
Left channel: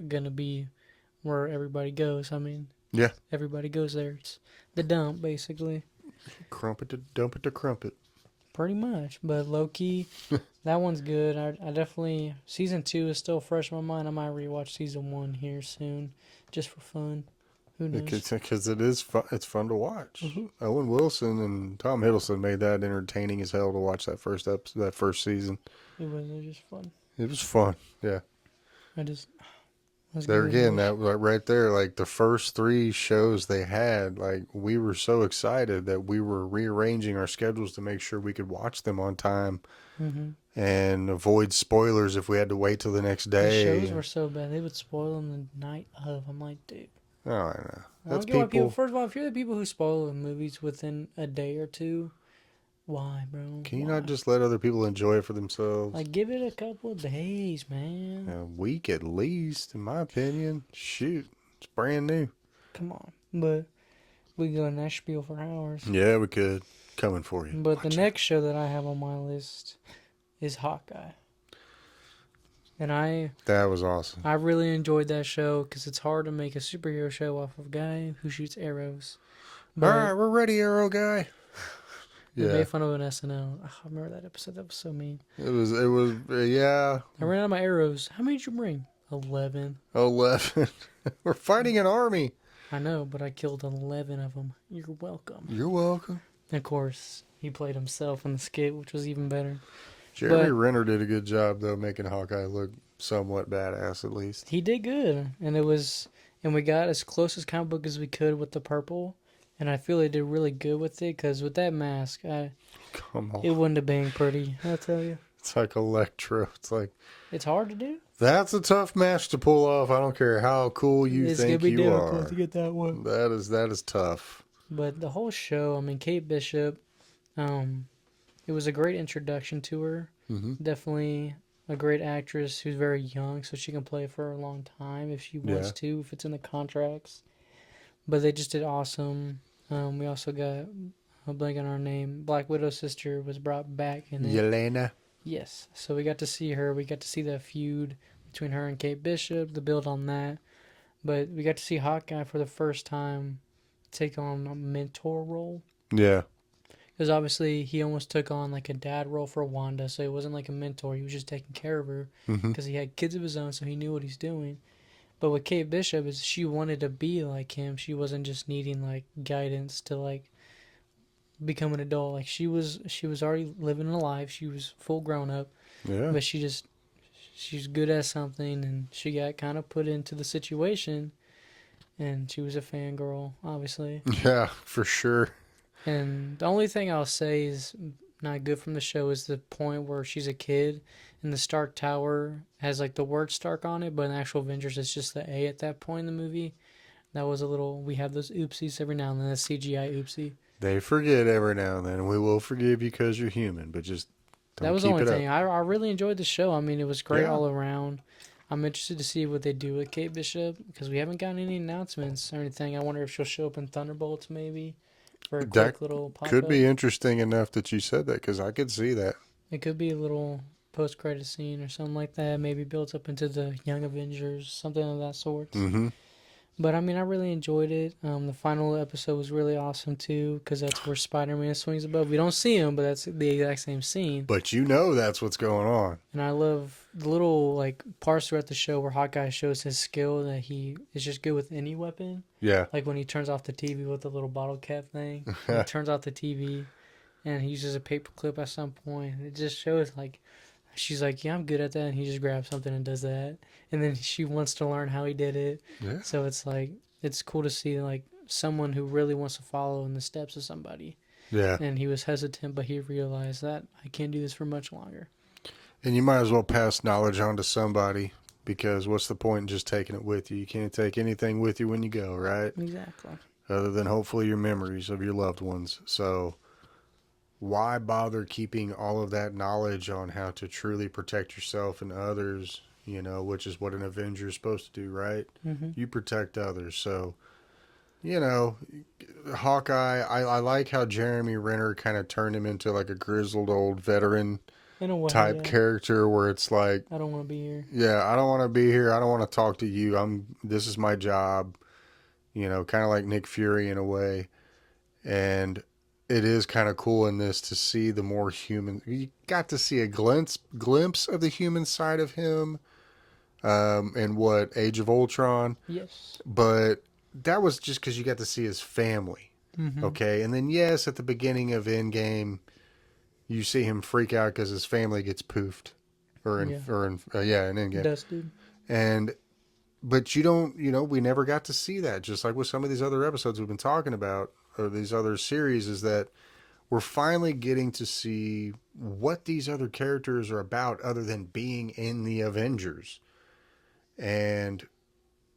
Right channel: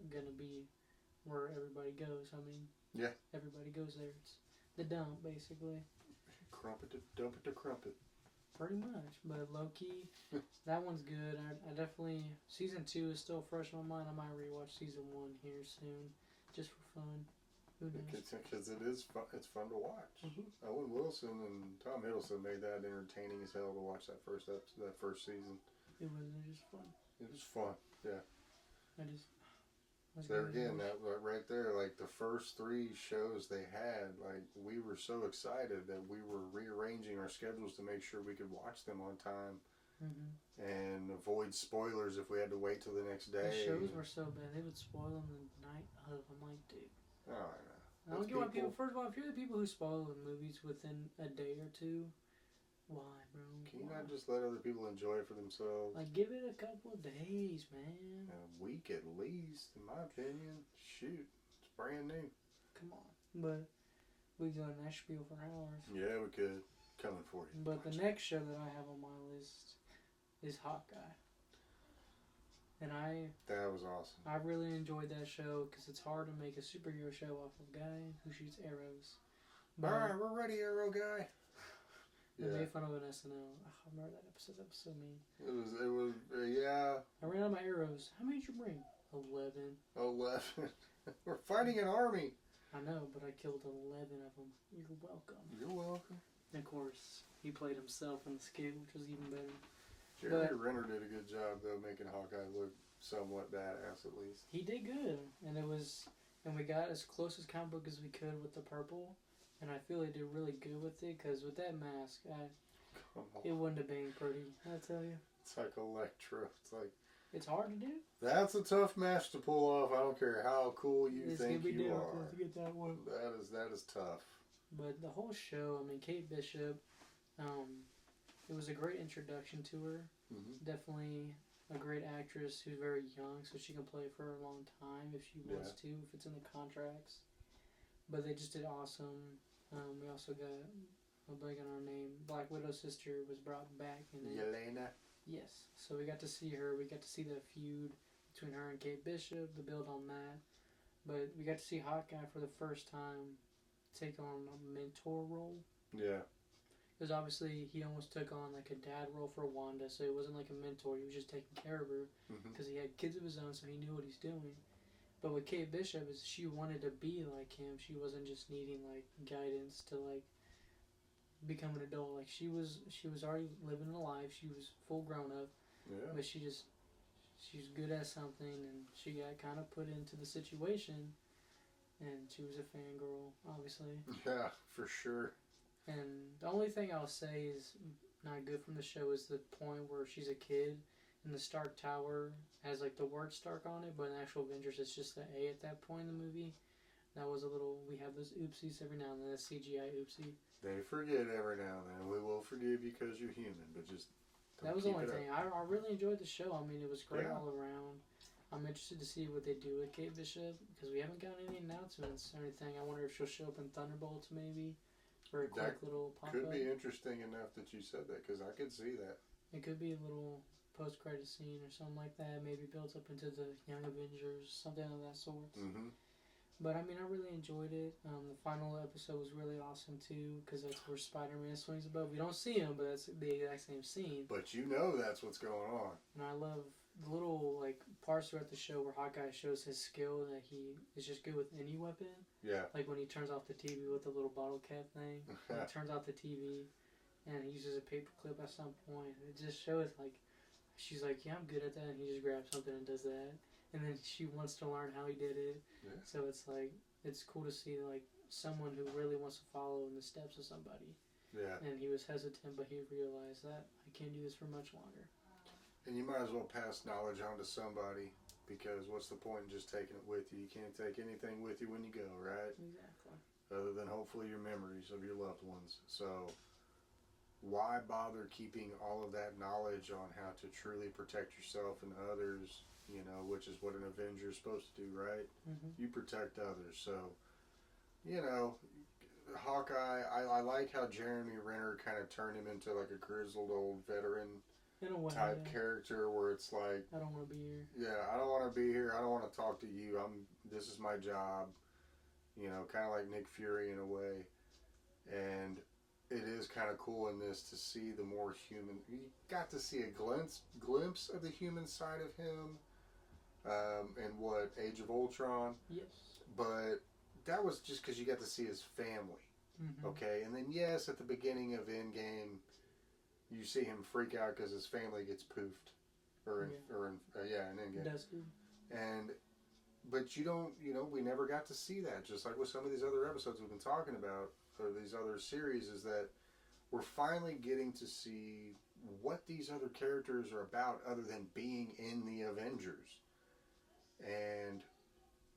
gonna be where everybody goes. I mean, yeah, everybody goes there. It's the dump, basically. Crumpet to dump it to crumpet. Pretty much. But Loki, that one's good. I definitely, season 2 is still fresh in my mind. I might rewatch season 1 here soon, just for fun. Who knows? Because it is fun. It's fun to watch. Mm-hmm. Owen Wilson and Tom Hiddleston made that entertaining as hell to watch that first episode, that first season. It was just fun. It was fun. Yeah. There again, that right there, like the first 3 shows they had, like we were so excited that we were rearranging our schedules to make sure we could watch them on time and avoid spoilers if we had to wait till the next day. The shows were so bad; they would spoil them the night of. I'm like, dude. Oh, I know. That's people. First of all, if you're the people who spoil the movies within a day or two, why, bro? Can you not just let other people enjoy it for themselves? Like, give it a couple of days, man. A week at least, in my opinion. Shoot, it's brand new. Come on. But we go in that spiel for hours. Yeah, we could. Coming for you. But the next show that I have on my list is Hawkeye. And that was awesome. I really enjoyed that show because it's hard to make a superhero show off of a guy who shoots arrows. But, all right, we're ready, Arrow Guy. They made fun of an SNL. Oh, I remember that episode. That was so mean. It was, yeah. I ran out of my arrows. How many did you bring? 11. 11. We're fighting an army. I know, but I killed 11 of them. You're welcome. You're welcome. And of course, he played himself in the skit, which was even better. Jeremy Renner did a good job, though, making Hawkeye look somewhat badass, at least. He did good. And we got as close as comic book as we could with the purple. And I feel they did really good with it, because with that mask, Come on. it wouldn't have been pretty, I'll tell you. It's like Electro. It's like... It's hard to do. That's a tough mask to pull off. I don't care how cool you think you are. It's going to be difficult to get that one. That is tough. But the whole show, I mean, Kate Bishop, it was a great introduction to her. Mm-hmm. Definitely a great actress who's very young, so she can play for a long time if she wants to, if it's in the contracts. But they just did awesome. We also got, I'm blanking on her name, Black Widow's sister was brought back in it. Yelena. Yes. So we got to see her. We got to see the feud between her and Kate Bishop, the build on that. But we got to see Hawkeye for the first time take on a mentor role. Yeah. Because obviously he almost took on like a dad role for Wanda, so he wasn't like a mentor. He was just taking care of her because he had kids of his own, so he knew what he's doing. But with Kate Bishop, is she wanted to be like him. She wasn't just needing like guidance to like become an adult. Like she was already living a life. She was full grown up. Yeah. But she's good at something, and she got kind of put into the situation, and she was a fangirl, obviously. Yeah, for sure. And the only thing I'll say is not good from the show is the point where she's a kid and the Stark Tower has like the word Stark on it, but in actual Avengers it's just the A at that point in the movie. That was a little, we have those oopsies every now and then, a CGI oopsie. They forget every now and then, and we will forgive you because you're human, but just don't that was keep the only it thing. up. I really enjoyed the show. I mean, it was great all around. I'm interested to see what they do with Kate Bishop because we haven't gotten any announcements or anything. I wonder if she'll show up in Thunderbolts maybe for a quick little pop-up. Could be interesting enough that you said that because I could see that. It could be a little post-credit scene or something like that. Maybe builds up into the Young Avengers, something of that sort. Mm-hmm. But I mean, I really enjoyed it. The final episode was really awesome too, because that's where Spider-Man swings above. We don't see him, but that's the exact same scene. But you know that's what's going on. And I love the little like parts throughout the show where Hawkeye shows his skill that he is just good with any weapon. Yeah. Like when he turns off the TV with the little bottle cap thing. He turns off the TV and he uses a paper clip at some point. It just shows like she's like, yeah, I'm good at that, and he just grabs something and does that. And then she wants to learn how he did it. Yeah. So it's like it's cool to see like someone who really wants to follow in the steps of somebody. Yeah. And he was hesitant, but he realized that I can't do this for much longer. And you might as well pass knowledge on to somebody, because what's the point in just taking it with you? You can't take anything with you when you go, right? Exactly. Other than hopefully your memories of your loved ones. So why bother keeping all of that knowledge on how to truly protect yourself and others, which is what an Avenger is supposed to do, right? Mm-hmm. You protect others. So, you know, Hawkeye, I like how Jeremy Renner kind of turned him into like a grizzled old veteran In a way, type yeah. character where it's like, I don't want to be here. yeah, I don't want to be here. I don't want to talk to you. This is my job, kind of like Nick Fury in a way. And it is kind of cool in this to see the more human. You got to see a glimpse of the human side of him, in what Age of Ultron. Yes. But that was just because you got to see his family. Mm-hmm. Okay, and then yes, at the beginning of Endgame, you see him freak out because his family gets poofed, in Endgame. Dusted. And but you don't, we never got to see that. Just like with some of these other episodes we've been talking about, or these other series, is that we're finally getting to see what these other characters are about, other than being in the Avengers. And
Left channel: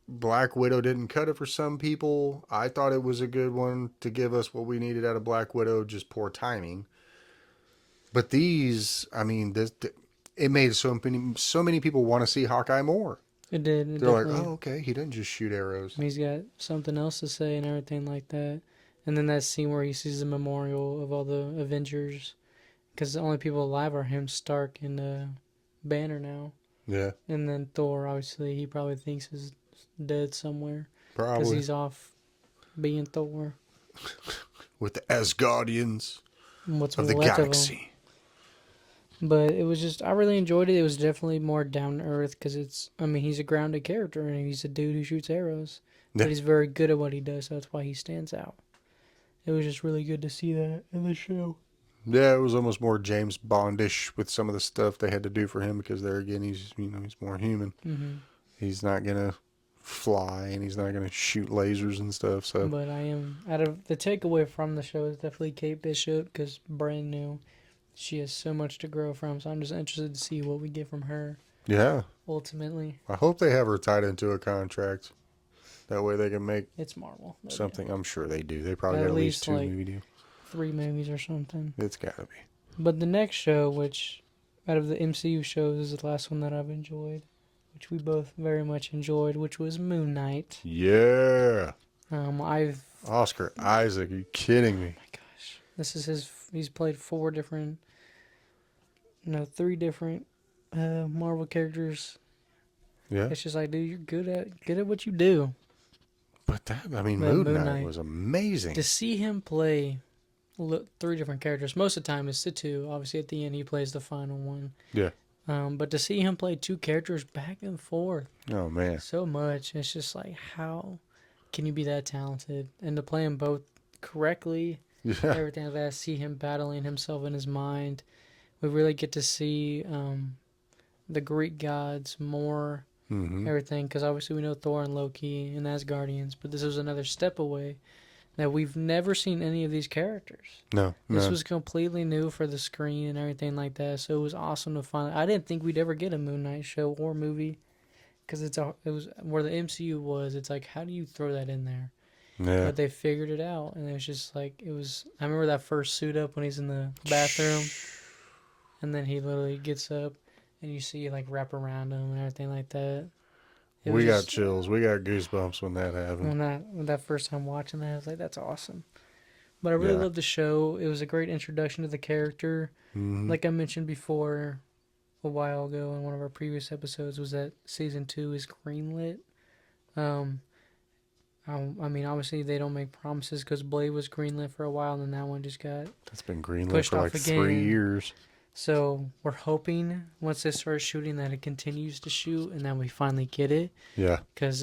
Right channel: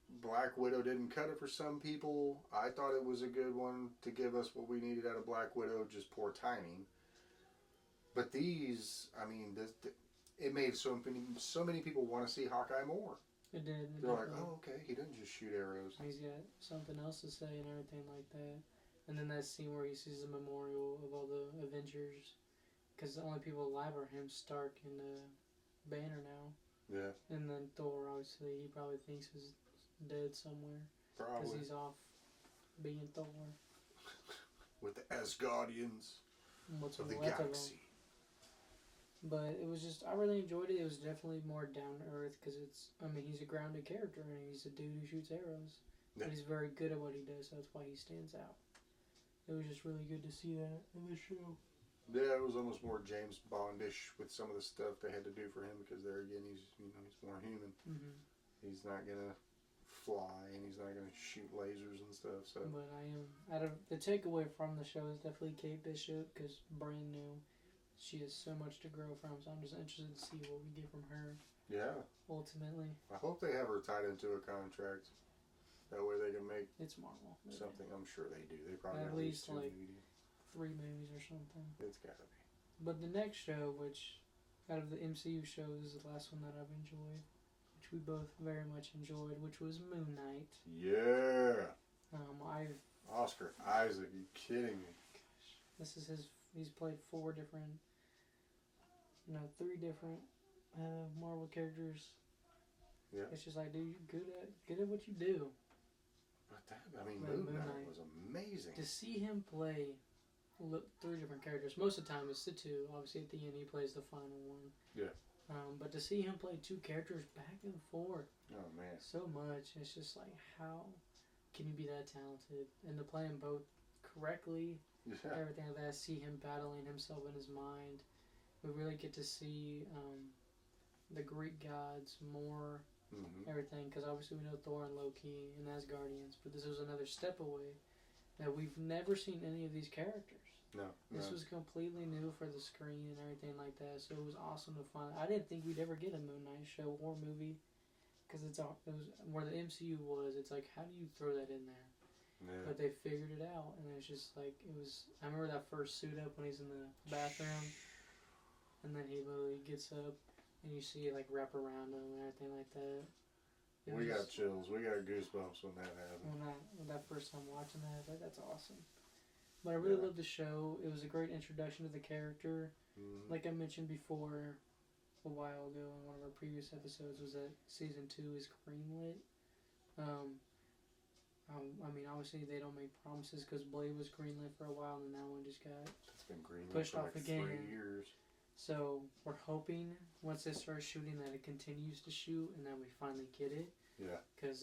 Black Widow didn't cut it for some people. I thought it was a good one to give us what we needed out of Black Widow, just poor timing. But these, I mean, it made so many people want to see Hawkeye more. It did. They're like, oh, okay, he doesn't just shoot arrows. He's got something else to say and everything like that. And then that scene where he sees the memorial of all the Avengers, because the only people alive are him, Stark, and Banner now. Yeah. And then Thor, obviously, he probably thinks is dead somewhere. Probably. Because he's off being Thor. With the Asgardians What's of the left galaxy. But it was just, I really enjoyed it. It was definitely more down to earth because he's a grounded character and he's a dude who shoots arrows. Yeah. But he's very good at what he does, so that's why he stands out. It was just really good to see that in the show. Yeah, it was almost more James Bondish with some of the stuff they had to do for him, because there again, he's more human. Mm-hmm. He's not gonna fly and he's not gonna shoot lasers and stuff. So, But out of the takeaway from the show is definitely Kate Bishop, because brand new. She has so much to grow from, so I'm just interested to see what we get from her. Yeah. Ultimately. I hope they have her tied into a contract. That way they can make It's Marvel. something. Yeah. I'm sure they do. They probably At got at least 2 like movie deals. 3 movies or something. It's gotta be. But the next show, which out of the MCU shows is the last one that I've enjoyed, which we both very much enjoyed, which was Moon Knight. Yeah. I've Oscar Isaac, are you kidding me? Oh my gosh, this is he's played 3 different Marvel characters. Yeah. It's just like, dude, you're good at what you do. But Moon Knight was amazing. To see him play 3 different characters, most of the time it's the 2. Obviously, at the end, he plays the final one. Yeah. But to see him play 2 characters back and forth, Oh man, so much. It's just like, how can you be that talented? And to play them both correctly, yeah, everything like that. See him battling himself in his mind. We really get to see the Greek gods more. Everything, because obviously we know Thor and Loki and Asgardians, but this was another step away that we've never seen any of these characters. No, This was completely new for the screen and everything like that, so it was awesome to find. I didn't think we'd ever get a Moon Knight show or movie, because it was where the MCU was. It's like, how do you throw that in there? Yeah. But they figured it out, and it was just like, I remember that first suit up when he's in the bathroom, and then he literally gets up, and you see like wrap around him and everything like that. We got chills. We got goosebumps when that happened. When that first time watching that, I was like, that's awesome. But I really loved the show. It was a great introduction to the character. Mm-hmm. Like I mentioned before a while ago in one of our previous episodes, was that season 2 is greenlit. I mean, obviously they don't make promises because Blade was greenlit for a while, and then that one just got That's been greenlit pushed for off like 3 years. So we're hoping once they start shooting that it continues to shoot, and then we finally get it. Yeah. Because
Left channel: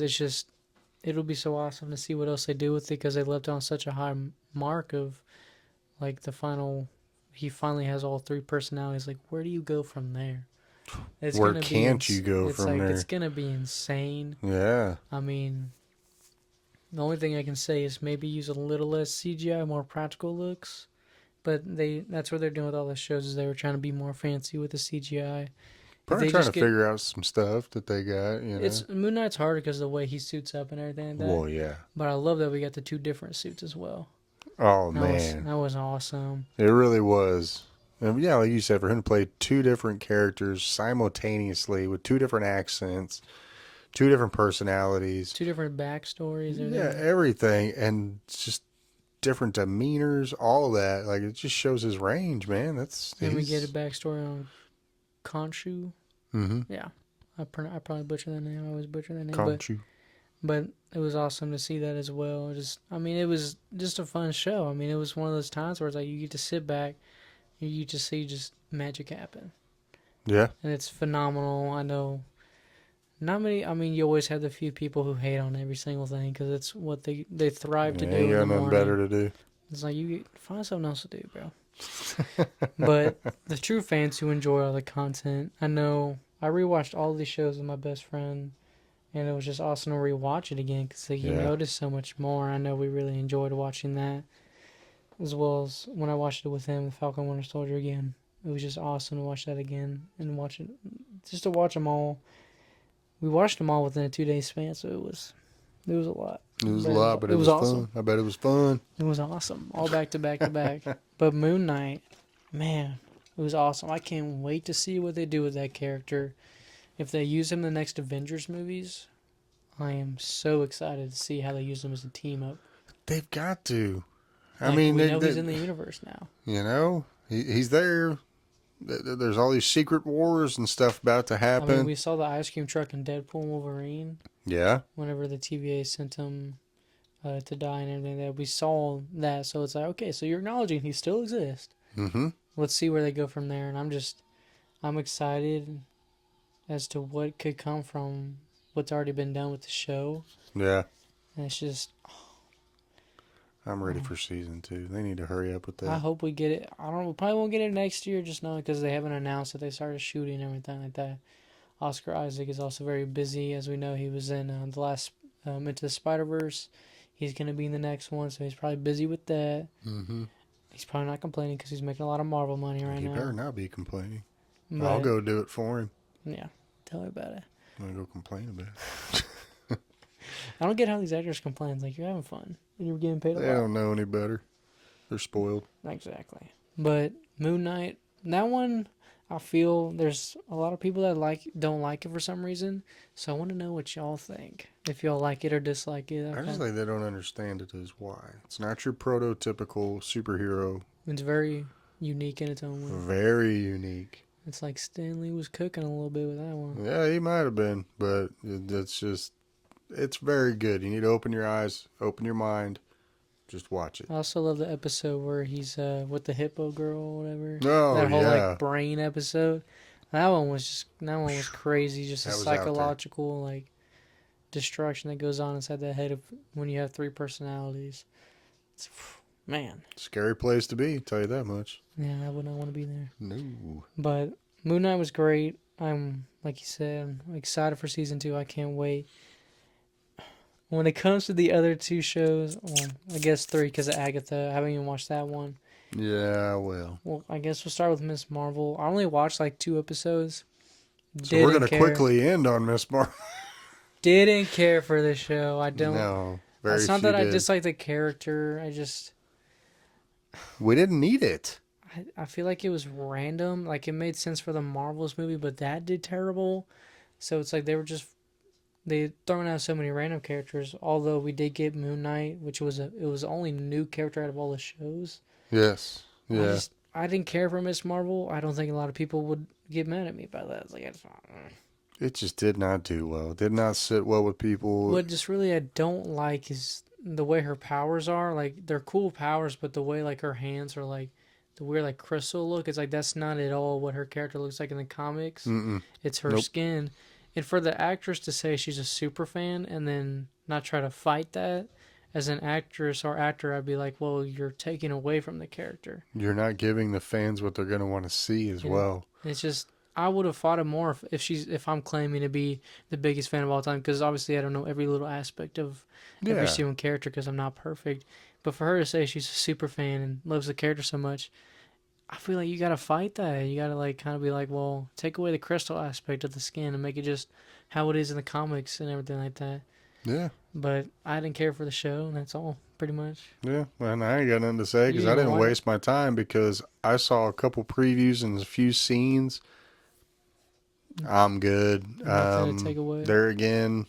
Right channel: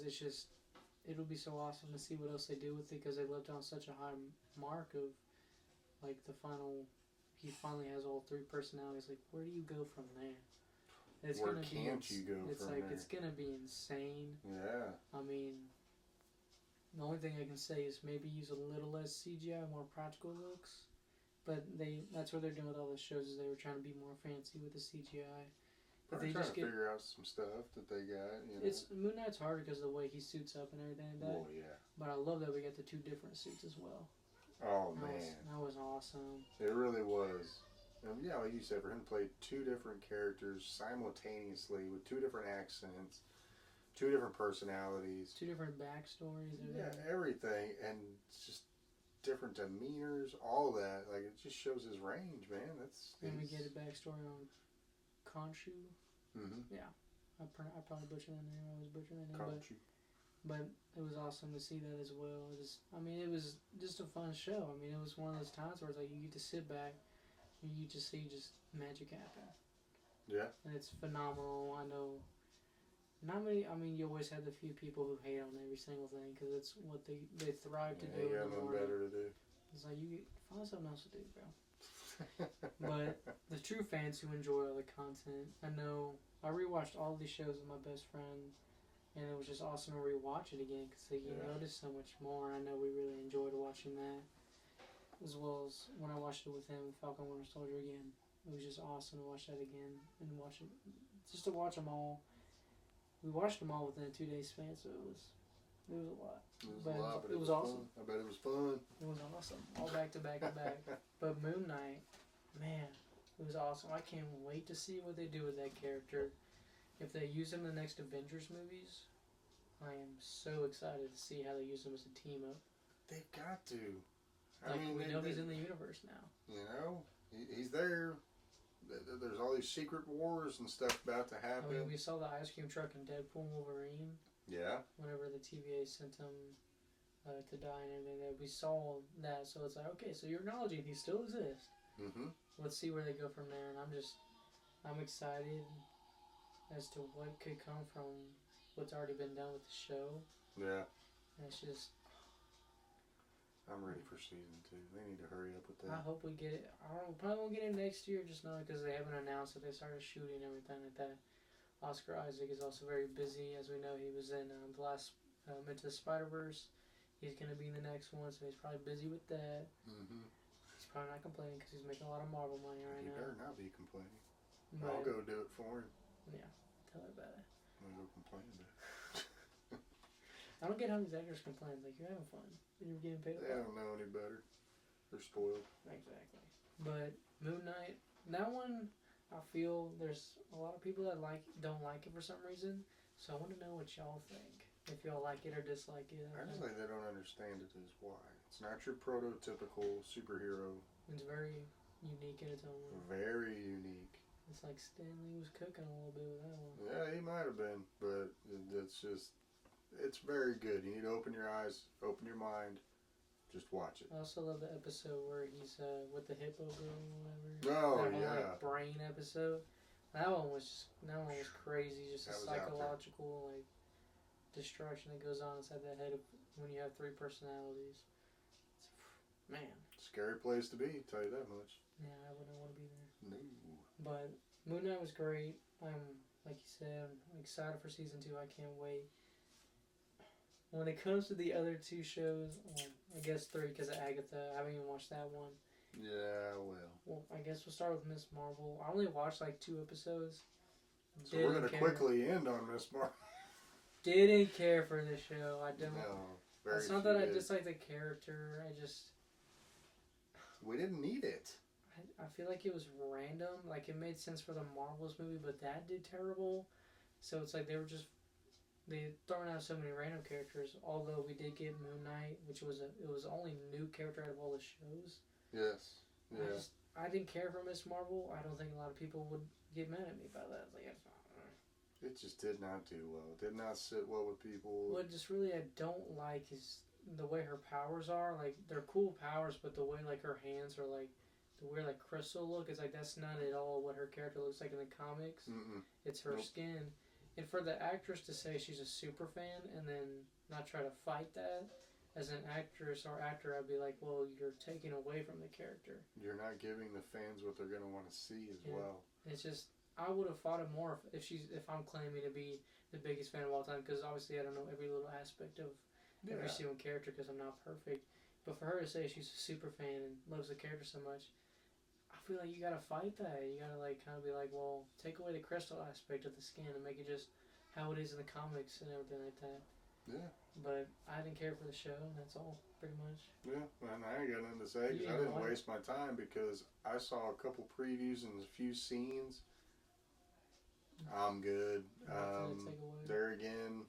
it'll be so awesome to see what else they do with it, because they left on such a high mark of like the final. He finally has all three personalities. Like, where do you go from there? It's Where gonna be. can't you go It's from like there? it's gonna be insane. Yeah. I mean, the only thing I can say is maybe use a little less CGI, more practical looks. But that's what they're doing with all the shows, is they were trying to be more fancy with the CGI. If Probably they trying just to get figure out some stuff that they got, it's Moon Knight's harder because of the way he suits up and everything like that. Well, yeah. But I love that we got the two different suits as well. Oh, That was man. that was awesome. It really was. And yeah, like you said, for him to play two different characters simultaneously with two different accents, two different personalities. Two different backstories. Yeah, everything. And just different demeanors, all that. Like, it just shows his range, man. And we get a backstory on Khonshu. Mm-hmm. Yeah. I probably butcher that name. I always butcher that name. Khonshu. But it was awesome to see that as well. It was just a fun show. I mean, it was one of those times where it's like you get to sit back, you get to see just magic happen. Yeah. And it's phenomenal. I know not many. I mean, you always have the few people who hate on every single thing because it's what they thrive to do. You in got the nothing morning. better to do. It's like find something else to do, bro. But the true fans who enjoy all the content, I know I rewatched all these shows with my best friend, and it was just awesome to rewatch it again because you notice so much more. I know we really enjoyed watching that, as well as when I watched it with him, The Falcon Winter Soldier again. It was just awesome to watch that again and watch it, just to watch them all. We watched them all within a 2-day span, so it was a lot. It was a lot, but it was awesome. Fun. I bet it was fun. It was awesome. All back to back to back. But Moon Knight, man, it was awesome. I can't wait to see what they do with that character. If they use him in the next Avengers movies, I am so excited to see how they use him as a team up. They've got to. I mean, we know he's in the universe now. You know, he's there. There's all these secret wars and stuff about to happen. I mean, we saw the ice cream truck in Deadpool and Wolverine. Yeah. Whenever the TVA sent him to die and everything, that we saw that. So it's like, okay, so you're acknowledging he still exists. Mm-hmm. Let's see where they go from there. And I'm excited as to what could come from what's already been done with the show. Yeah. And it's just... I'm ready for season 2. They need to hurry up with that. I hope we get it. We probably won't get it next year, just now because they haven't announced that they started shooting and everything like that. Oscar Isaac is also very busy. As we know, he was in the last Into the Spider-Verse. He's going to be in the next one, so he's probably busy with that. Mm-hmm. He's probably not complaining because he's making a lot of Marvel money right now. He better not be complaining. But, I'll go do it for him. Yeah, tell her about it. I'm going to go complain about it. I don't get how these actors complain. It's like, you're having fun and you're getting paid a lot. They don't know any better. They're spoiled. Exactly. But Moon Knight, that one, I feel there's a lot of people that don't like it for some reason. So I want to know what y'all think. If y'all like it or dislike it. I just think they don't understand it is why. It's not your prototypical superhero. It's very unique in its own way. Very unique. It's like Stan Lee was cooking a little bit with that one. Yeah, he might have been, but it's very good. You need to open your eyes, open your mind, just watch it. I also love the episode where he's with the hippo girl or whatever. Oh, that whole like brain episode. That one was crazy. Just a psychological like destruction that goes on inside that head of when you have 3 personalities. It's, man, scary place to be. Tell you that much. Yeah, I would not want to be there. No. But Moon Knight was great. I'm like you said, I'm excited for season 2. I can't wait. When it comes to the other 2 shows, well, I guess 3 because of Agatha. I haven't even watched that one. Yeah, well. Well, I guess we'll start with Miss Marvel. I only watched like 2 episodes. So we're going to quickly end on Miss Marvel. Didn't care for the show. I don't. No, it's not that I dislike the character. We didn't need it. I feel like it was random. Like, it made sense for the Marvels movie, but that did terrible. So it's like they throwing out so many random characters. Although we did get Moon Knight, which was it was the only new character out of all the shows. Yes. Yeah. I didn't care for Miss Marvel. I don't think a lot of people would get mad at me by that. It's like It just did not do well. Did not sit well with people. What just really I don't like is the way her powers are. Like they're cool powers, but the way like her hands are like the weird like crystal look. It's like that's not at all what her character looks like in the comics. Mm-mm. It's her Nope. skin, and for the actress to say she's a super fan and then not try to fight that. As an actress or actor, I'd be like, well, you're taking away from the character. You're not giving the fans what they're going to want to see as You know, well. it's just I would have fought it more if I'm claiming to be the biggest fan of all time because obviously I don't know every little aspect of every Yeah. single character because I'm not perfect. But for her to say she's a super fan and loves the character so much, I feel like you gotta fight that. You gotta like kind of be like, well, take away the crystal aspect of the skin and make it just how it is in the comics and everything like that. Yeah. But I didn't care for the show, and that's all pretty much. Yeah. And I ain't got nothing to say You because didn't I even didn't watch it? waste my time because I saw a couple previews and a few scenes. I'm good. Nothing to take away. There again,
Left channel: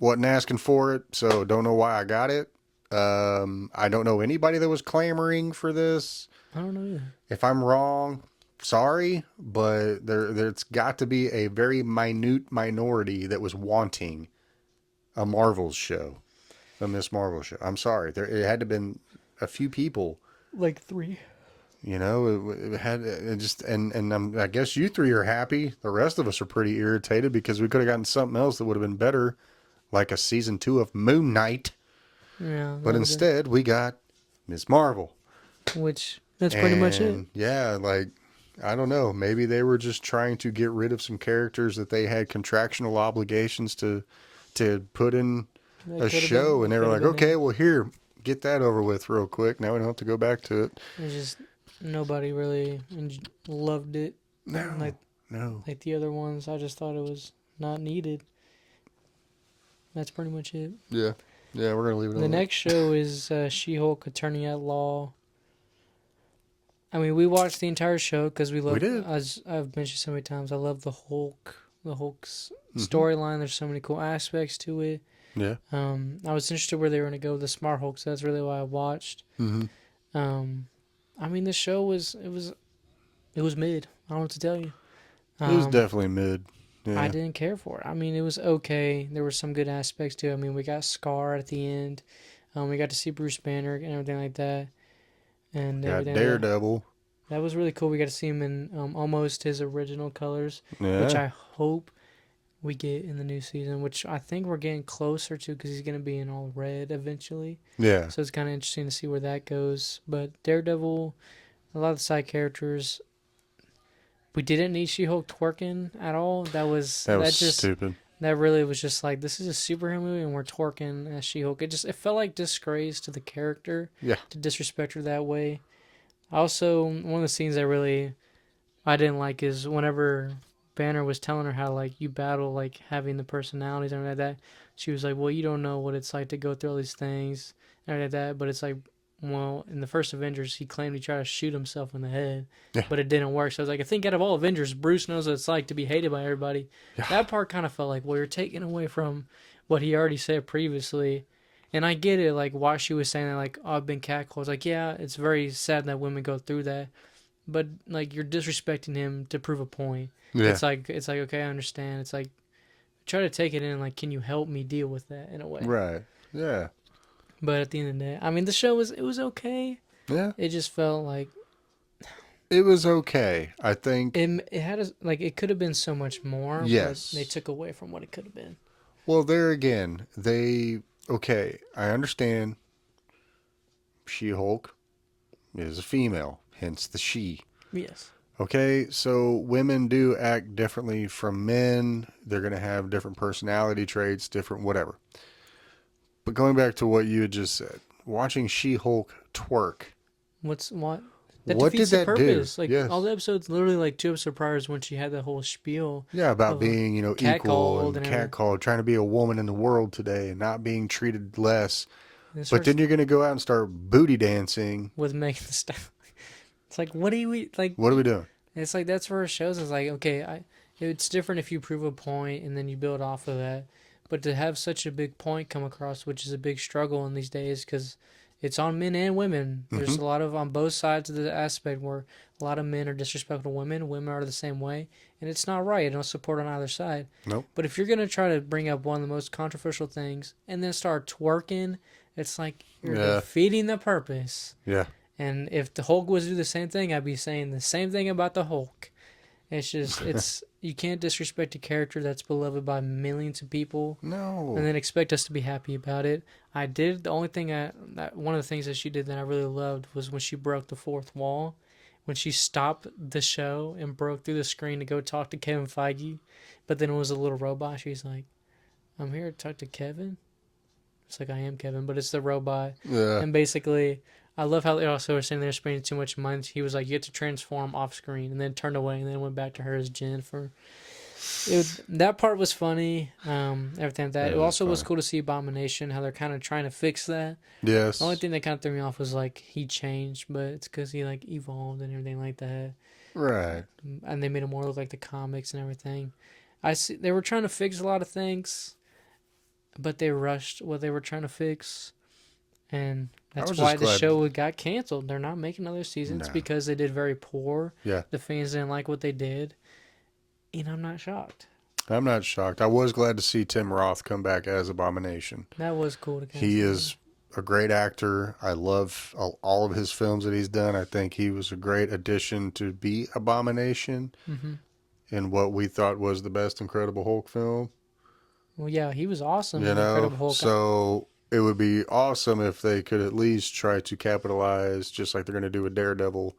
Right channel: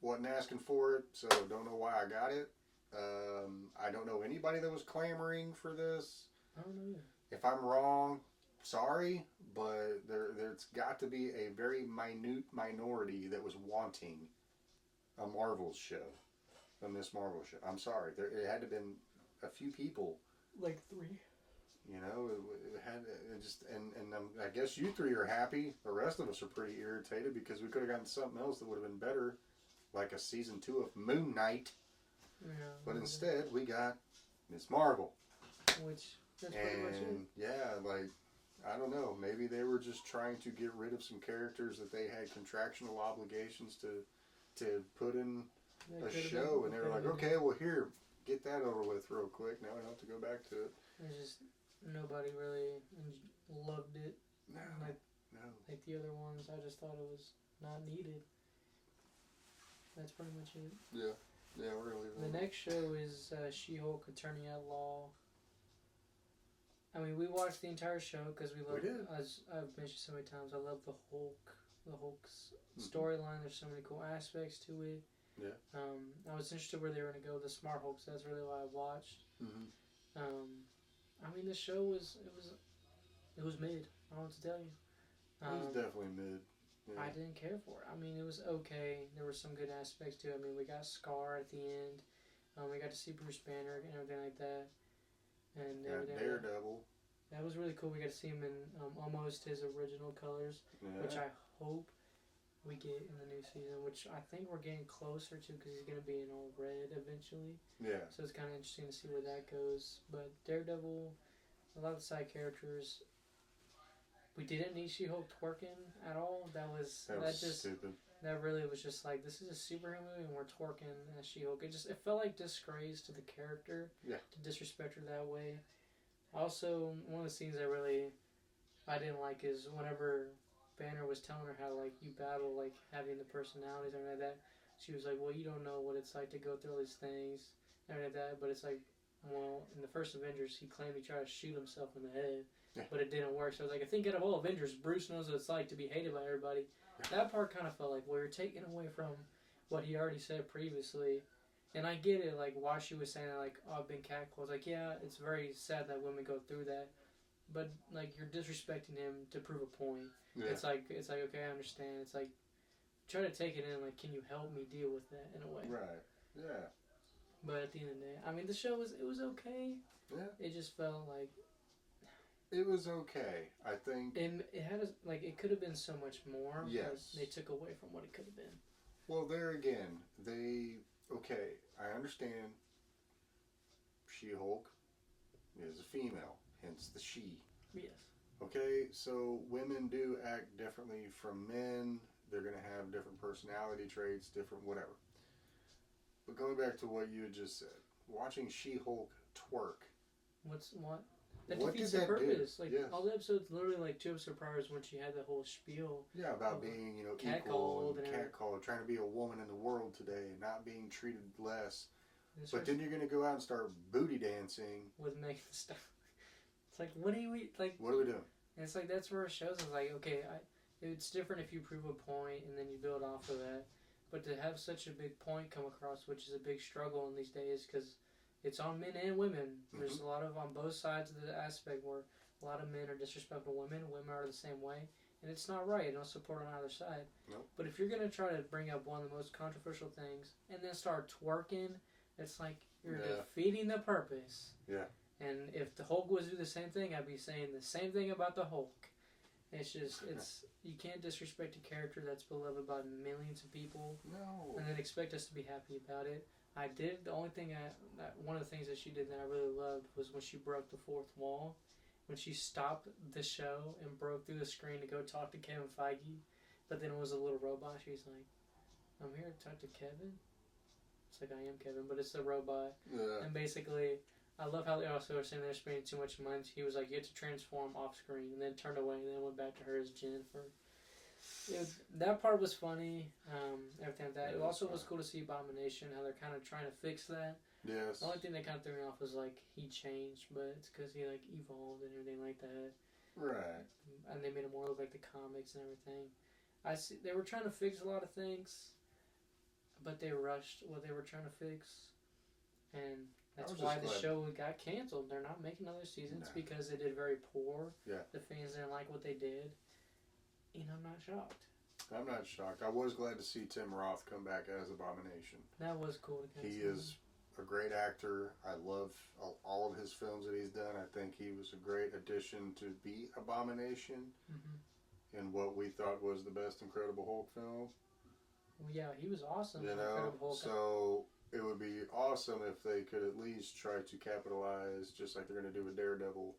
wasn't asking for it, so don't know why I got it. I don't know anybody that was clamoring for this. I don't know either. If I'm wrong, sorry, but there's got to be a very minute minority that was wanting a Marvel's show, a Miss Marvel show. I'm sorry, it had to been a few people. Like 3. You know, it had it just and I guess you three are happy. The rest of us are pretty irritated because we could have gotten something else that would have been better, like a season 2 of Moon Knight. Yeah. But instead, we got Miss Marvel. Which that's pretty much it. Yeah, like I don't know. Maybe they were just trying to get rid of some characters that they had contractual obligations to put in a show, and they were like, okay, well here, get that over with real quick. Now we don't have to go back to it. It's just nobody really loved it. No, like no. like the other ones. I just thought it was not needed. That's pretty much it. Yeah, yeah. We're gonna leave it. The next show is She-Hulk Attorney at Law. I mean, we watched the entire show because we love. We did. As I've mentioned so many times, I love the Hulk. The Hulk's storyline. There's so many cool aspects to it. Yeah. I was interested where they were going to go with the Smart Hulk, so that's really why I watched. I mean, the show was mid. I don't know what to tell you. It was definitely mid. Yeah. I didn't care for it. I mean, it was okay. There were some good aspects to it. I mean, we got Scar at the end. We got to see Bruce Banner and everything like that. And got Daredevil. That was really cool. We got to see him in almost his original colors, Yeah. which I hope we get in the new season, which I think we're getting closer to because he's going to be in all red eventually. Yeah. So it's kind of interesting to see where that goes. But Daredevil, a lot of the side characters, we didn't need She-Hulk twerking at all. That was just stupid. That really was just like, this is a superhero movie and we're twerking as She-Hulk. It felt like disgrace to the character. Yeah. To disrespect her that way. Also, one of the scenes I didn't like is whenever Banner was telling her how like you battle like having the personalities and everything like that. She was like, well, you don't know what it's like to go through all these things and everything like that. But it's like, well, in the first Avengers, he claimed he tried to shoot himself in the head, but it didn't work. So I was like, I think out of all Avengers, Bruce knows what it's like to be hated by everybody. Yeah. That part kind of felt like, well, you're taking away from what he already said previously. And I get it, like, why she was saying that, like, oh, I've been catcalled. It's like, yeah, it's very sad that women go through that. But, like, you're disrespecting him to prove a point. Yeah. It's like, okay, I understand. It's like, try to take it in, like, can you help me deal with that in a way? Right. Yeah. But at the end of the day, I mean, the show was okay. Yeah. It just felt like it was okay. I think it had it could have been so much more. Yes. But they took away from what it could have been. Well, there again, okay, I understand. She-Hulk is a female, hence the she. Yes. Okay, so women do act differently from men. They're going to have different personality traits, different whatever. But going back to what you had just said, watching She-Hulk twerk. What? What did that do? Like, yes. All the episodes, literally like 2 episodes prior is when she had that whole spiel. Yeah, about being, equal and catcalled, trying to be a woman in the world today and not being treated less. But then you're going to go out and start booty dancing. With Megan Thee Stallion. It's like, what are we doing? It's like, that's where it shows. It's like, okay, it's different if you prove a point and then you build off of that. But to have such a big point come across, which is a big struggle in these days, because it's on men and women. There's Mm-hmm. a lot of on both sides of the aspect where a lot of men are disrespectful to women. Women are the same way, and it's not right. I don't support on either side. Nope. But if you're gonna try to bring up one of the most controversial things and then start twerking, it's like you're Yeah. defeating the purpose. Yeah. And if the Hulk was to do the same thing, I'd be saying the same thing about the Hulk. It's just it's you can't disrespect a character that's beloved by millions of people No. and then expect us to be happy about it. I did the only thing one of the things that she did that I really loved was when she broke the fourth wall, when she stopped the show and broke through the screen to go talk to Kevin Feige, but then it was a little robot. She's like, "I'm here to talk to Kevin." It's like I am Kevin, but it's the robot, Yeah. and basically. I love how they also were saying they're spending too much money. He was like, you get to transform off screen, and then turned away, and then went back to her as Jen for that part was funny. Everything like that. It also was cool to see Abomination, how they're kind of trying to fix that. Yes. The only thing that kind of threw me off was like he changed, but it's because he like evolved and everything like that. Right. And they made him more look like the comics and everything. I see they were trying to fix a lot of things, but they rushed what they were trying to fix, and that's why the show got canceled. They're not making other seasons because they did very poor. Yeah. The fans didn't like what they did. And I'm not shocked. I'm not shocked. I was glad to see Tim Roth come back as Abomination. That was cool to He is a great actor. I love all of his films that he's done. I think he was a great addition to be Abomination in what we thought was the best Incredible Hulk film. Well, yeah, he was awesome in Incredible Hulk. So it would be awesome if they could at least try to capitalize, just like they're going to do with Daredevil,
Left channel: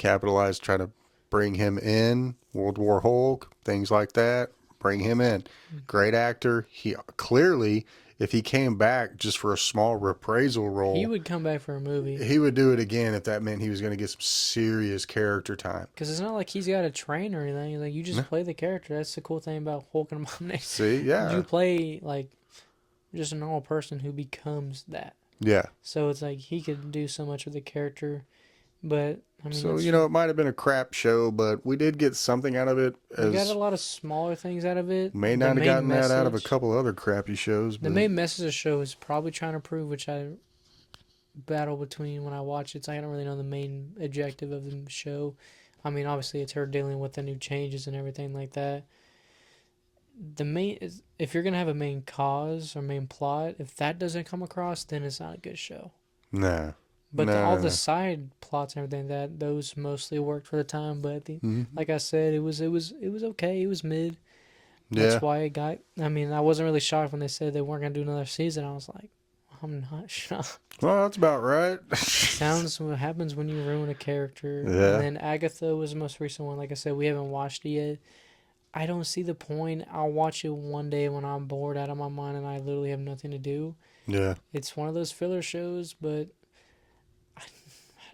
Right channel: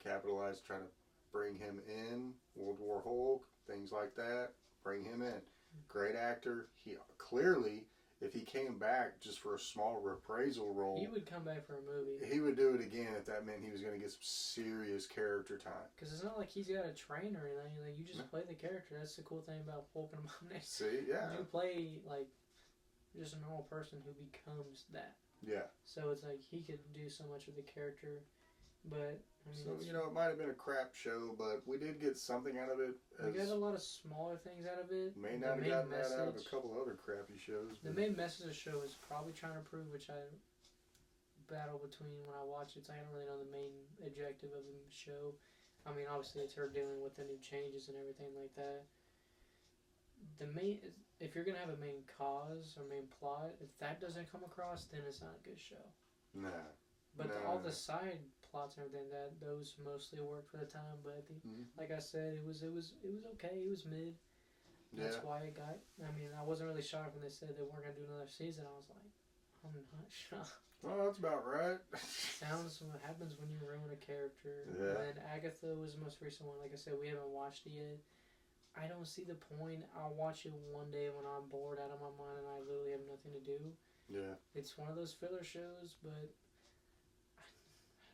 try to bring him in, World War Hulk, things like that, bring him in. Great actor. He clearly, if he came back just for a small reprisal role, he would come back for a movie. He would do it again if that meant he was going to get some serious character time. Because it's not like he's got a train or anything. Like, you just play the character. That's the cool thing about Hulk and Abomination. See, yeah. You play, like, just a normal person who becomes that. Yeah. So it's like he could do so much with the character. But, I mean... So, it might have been a crap show, but we did get something out of it. We got a lot of smaller things out of it. May not have gotten that out of a couple other crappy shows. But the main message of the show is probably trying to prove, which I battle between when I watch it. So I don't really know the main objective of the show. I mean, obviously, it's her dealing with the new changes and everything like that. If you're going to have a main cause or main plot, if that doesn't come across, then it's not a good show. Nah. But all the side plots and everything, those mostly worked for the time. But like I said, it was okay. It was mid. That's why it got. I mean, I wasn't really shocked when they said they weren't gonna do another season. I was like, I'm not shocked. Well, that's about right. Sounds what happens when you ruin a character. Yeah. And then Agatha was the most recent one. Like I said, we haven't watched it yet. I don't see the point. I'll watch it one day when I'm bored out of my mind and I literally have nothing to do. Yeah. It's one of those filler shows, but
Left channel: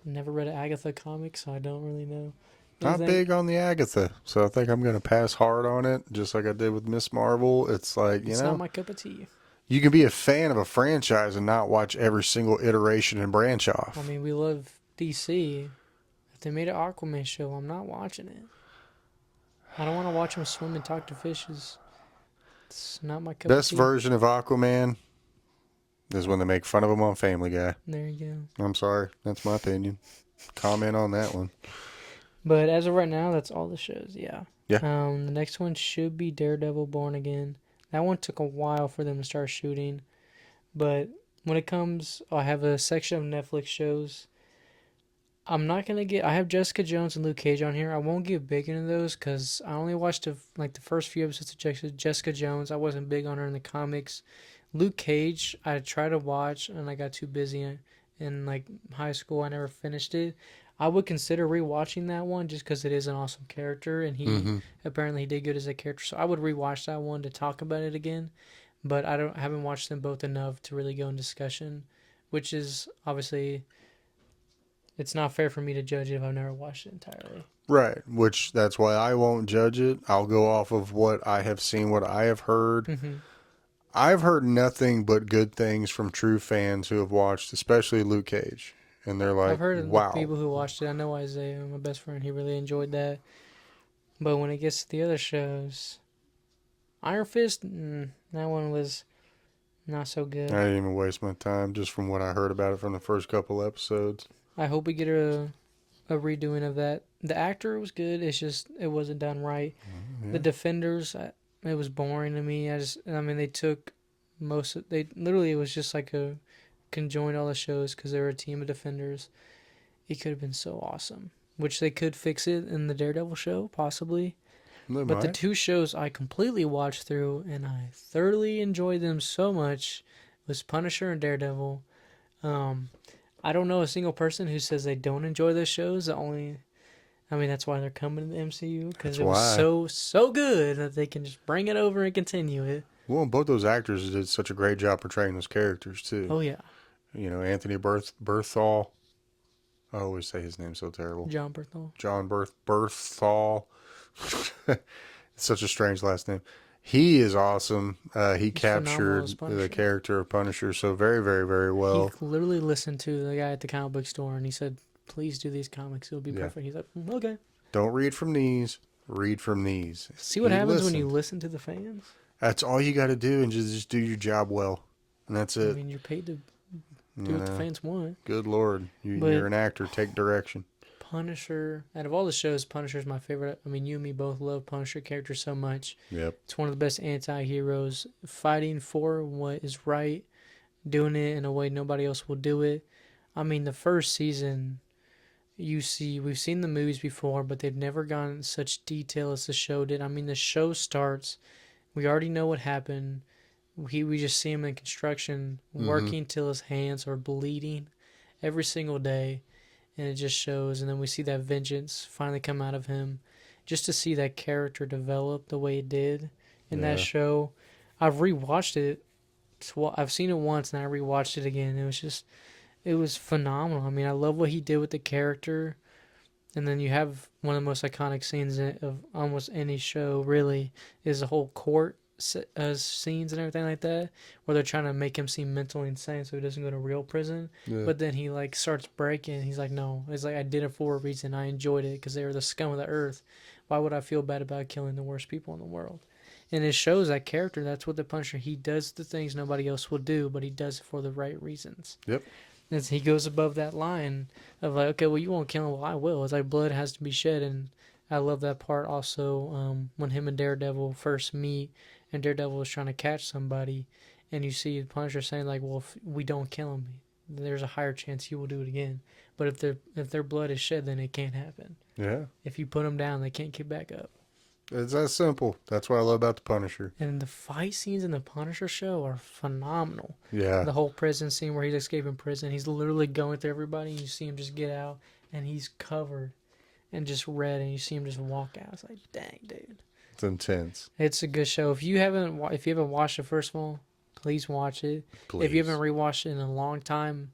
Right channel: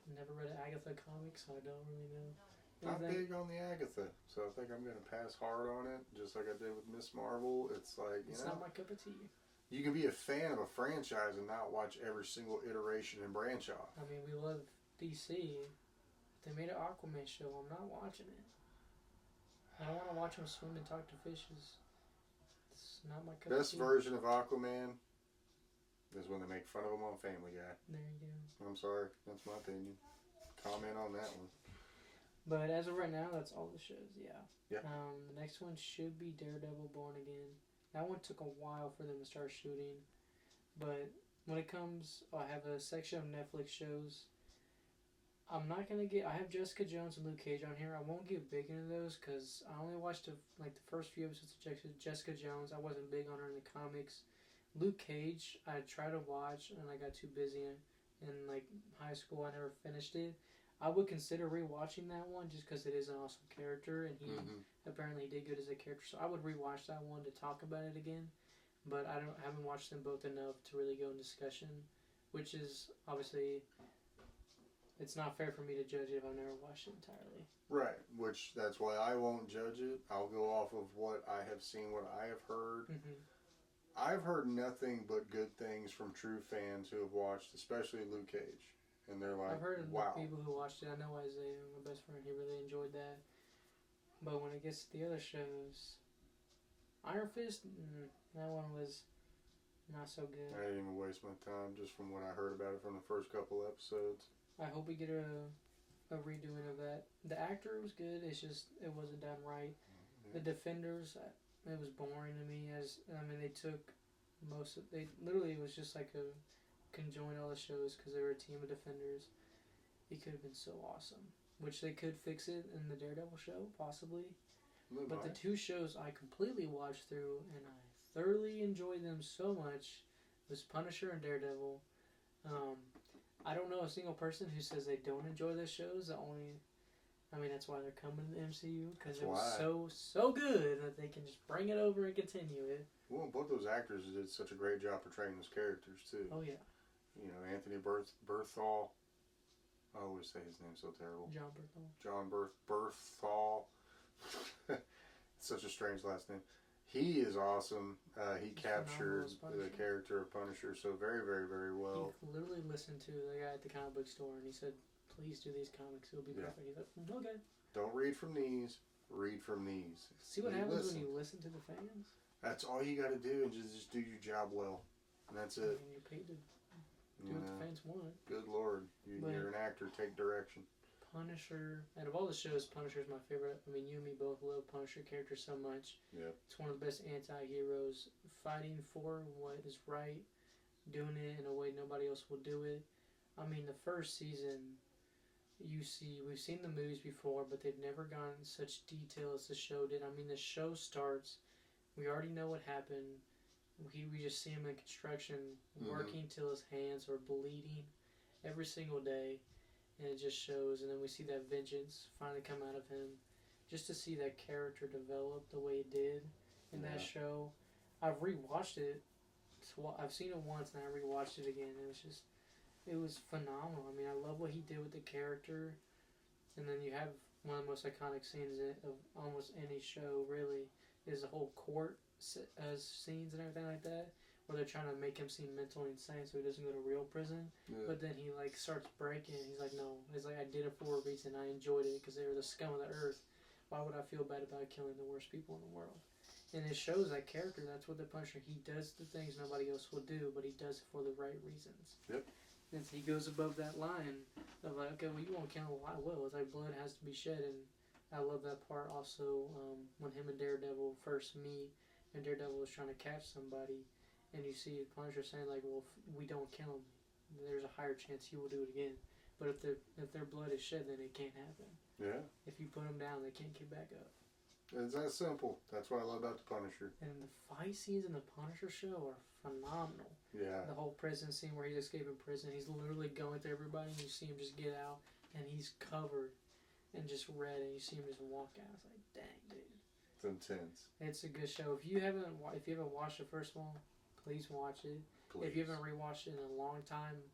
never read an Agatha comic, so I don't really know. Not big on the Agatha, so I think I'm going to pass hard on it, just like I did with Miss Marvel. It's like, it's not my cup of tea. You can be a fan of a franchise and not watch every single iteration and branch off. I mean, we love DC. If they made an Aquaman show, I'm not watching it. I don't want to watch them swim and talk to fishes. It's not my cup of tea. Best version of Aquaman is when they make fun of him on Family Guy. There you go. I'm sorry. That's my opinion. Comment on that one. But as of right now, that's all the shows. Yeah. Yeah. The next one should be Daredevil Born Again. That one took a while for them to start shooting. But when it comes, I have a section of Netflix shows. I'm not going to get... I have Jessica Jones and Luke Cage on here. I won't get big into those because I only watched the first few episodes of Jessica Jones. I wasn't big on her in the comics. Luke Cage, I tried to watch and I got too busy in high school. I never finished it. I would consider rewatching that one just because it is an awesome character and he apparently did good as a character. So I would rewatch that one to talk about it again. But I haven't watched them both enough to really go in discussion, which is obviously it's not fair for me to judge it if I've never watched it entirely. Right, which that's why I won't judge it. I'll go off of what I have seen, what I have heard. Mm-hmm. I've heard nothing but good things from true fans who have watched, especially Luke Cage. And they're like, I've heard wow. of the people who watched it. I know Isaiah, my best friend, he really enjoyed that. But when it gets to the other shows, Iron Fist, that one was not so I good. didn't even waste my time just from what I heard about it from the first couple episodes. I hope we get a redoing of that. The actor was good. It's just it wasn't done right. The Yeah. Defenders, it was boring to me. I mean, they took they literally it was just like a conjoined all the shows because they were a team of defenders. It could have been so awesome, which they could fix it in the Daredevil show possibly. They But the might. two shows I completely watched through and I thoroughly enjoyed them so much was Punisher and Daredevil. Um, I don't know a single person who says they don't enjoy those shows. I mean, that's why they're coming to the MCU because That's it was why. so good that they can just bring it over and continue it. Well, both those actors did such a great job portraying those characters too. Oh yeah, You know, Anthony Berthal. I always say his name so terrible. John Bernthal. John Berthal. It's such a strange last name. He is awesome. He He's phenomenal as captured the Punisher. character of Punisher so very, very, very He well. literally listened to the guy at the comic book store and he said, "Please do these comics. It'll be Yeah. perfect." He's like, "Okay." Don't read from these. Read from these. See what He happens when you listened. listen to the fans. That's all you got to do, and just do your job well, and that's I it. mean, you're paid to do You what the know, fans want. good lord, you're But an actor. Take direction. Punisher, out of all the shows, Punisher's my favorite. I mean, you and me both love Punisher character so much. Yep. It's one of the best anti-heroes, fighting for what is right, doing it in a way nobody else will do it. I mean, the first season, we've seen the movies before, but they've never gone in such detail as the show did. I mean, the show starts, we already know what happened. We just see him in construction, Mm-hmm. working till his hands are bleeding every single day, and it just shows. And then we see that vengeance finally come out of him, just to see that character develop the way it did in that Yeah. show. I've rewatched it. I've seen it once, and I rewatched it again. It was phenomenal. I mean, I love what he did with the character. And then you have one of the most iconic scenes of almost any show, really, is the whole court scenes and everything like that, where they're trying to make him seem mentally insane so he doesn't go to real prison. Yeah. But then he like starts breaking. He's like, no, it's like I did it for a reason. I enjoyed it because they were the scum of the earth. Why would I feel bad about killing the worst people in the world? And it shows that character. That's what the Punisher. He does the things nobody else will do, but he does it for the right reasons. Yep. As he goes above that line of like, okay, well, you won't kill him. Well, I will. It's like blood has to be shed, and I love that part also when him and Daredevil first meet, and Daredevil is trying to catch somebody, and you see the Punisher saying like, well, if we don't kill him, there's a higher chance he will do it again. But if their blood is shed, then it can't happen. Yeah. If you put them down, they can't get back up. It's that simple. That's what I love about the Punisher. And the fight scenes in the Punisher show are phenomenal. Yeah. The whole prison scene where he's escaping prison, he's literally going through everybody, and you see him just get out, and he's covered and just red, and you see him just walk out. It's like, dang, dude. It's intense. It's a good show. If you haven't watched the first one, please watch it. Please. If you haven't rewatched it in a long time,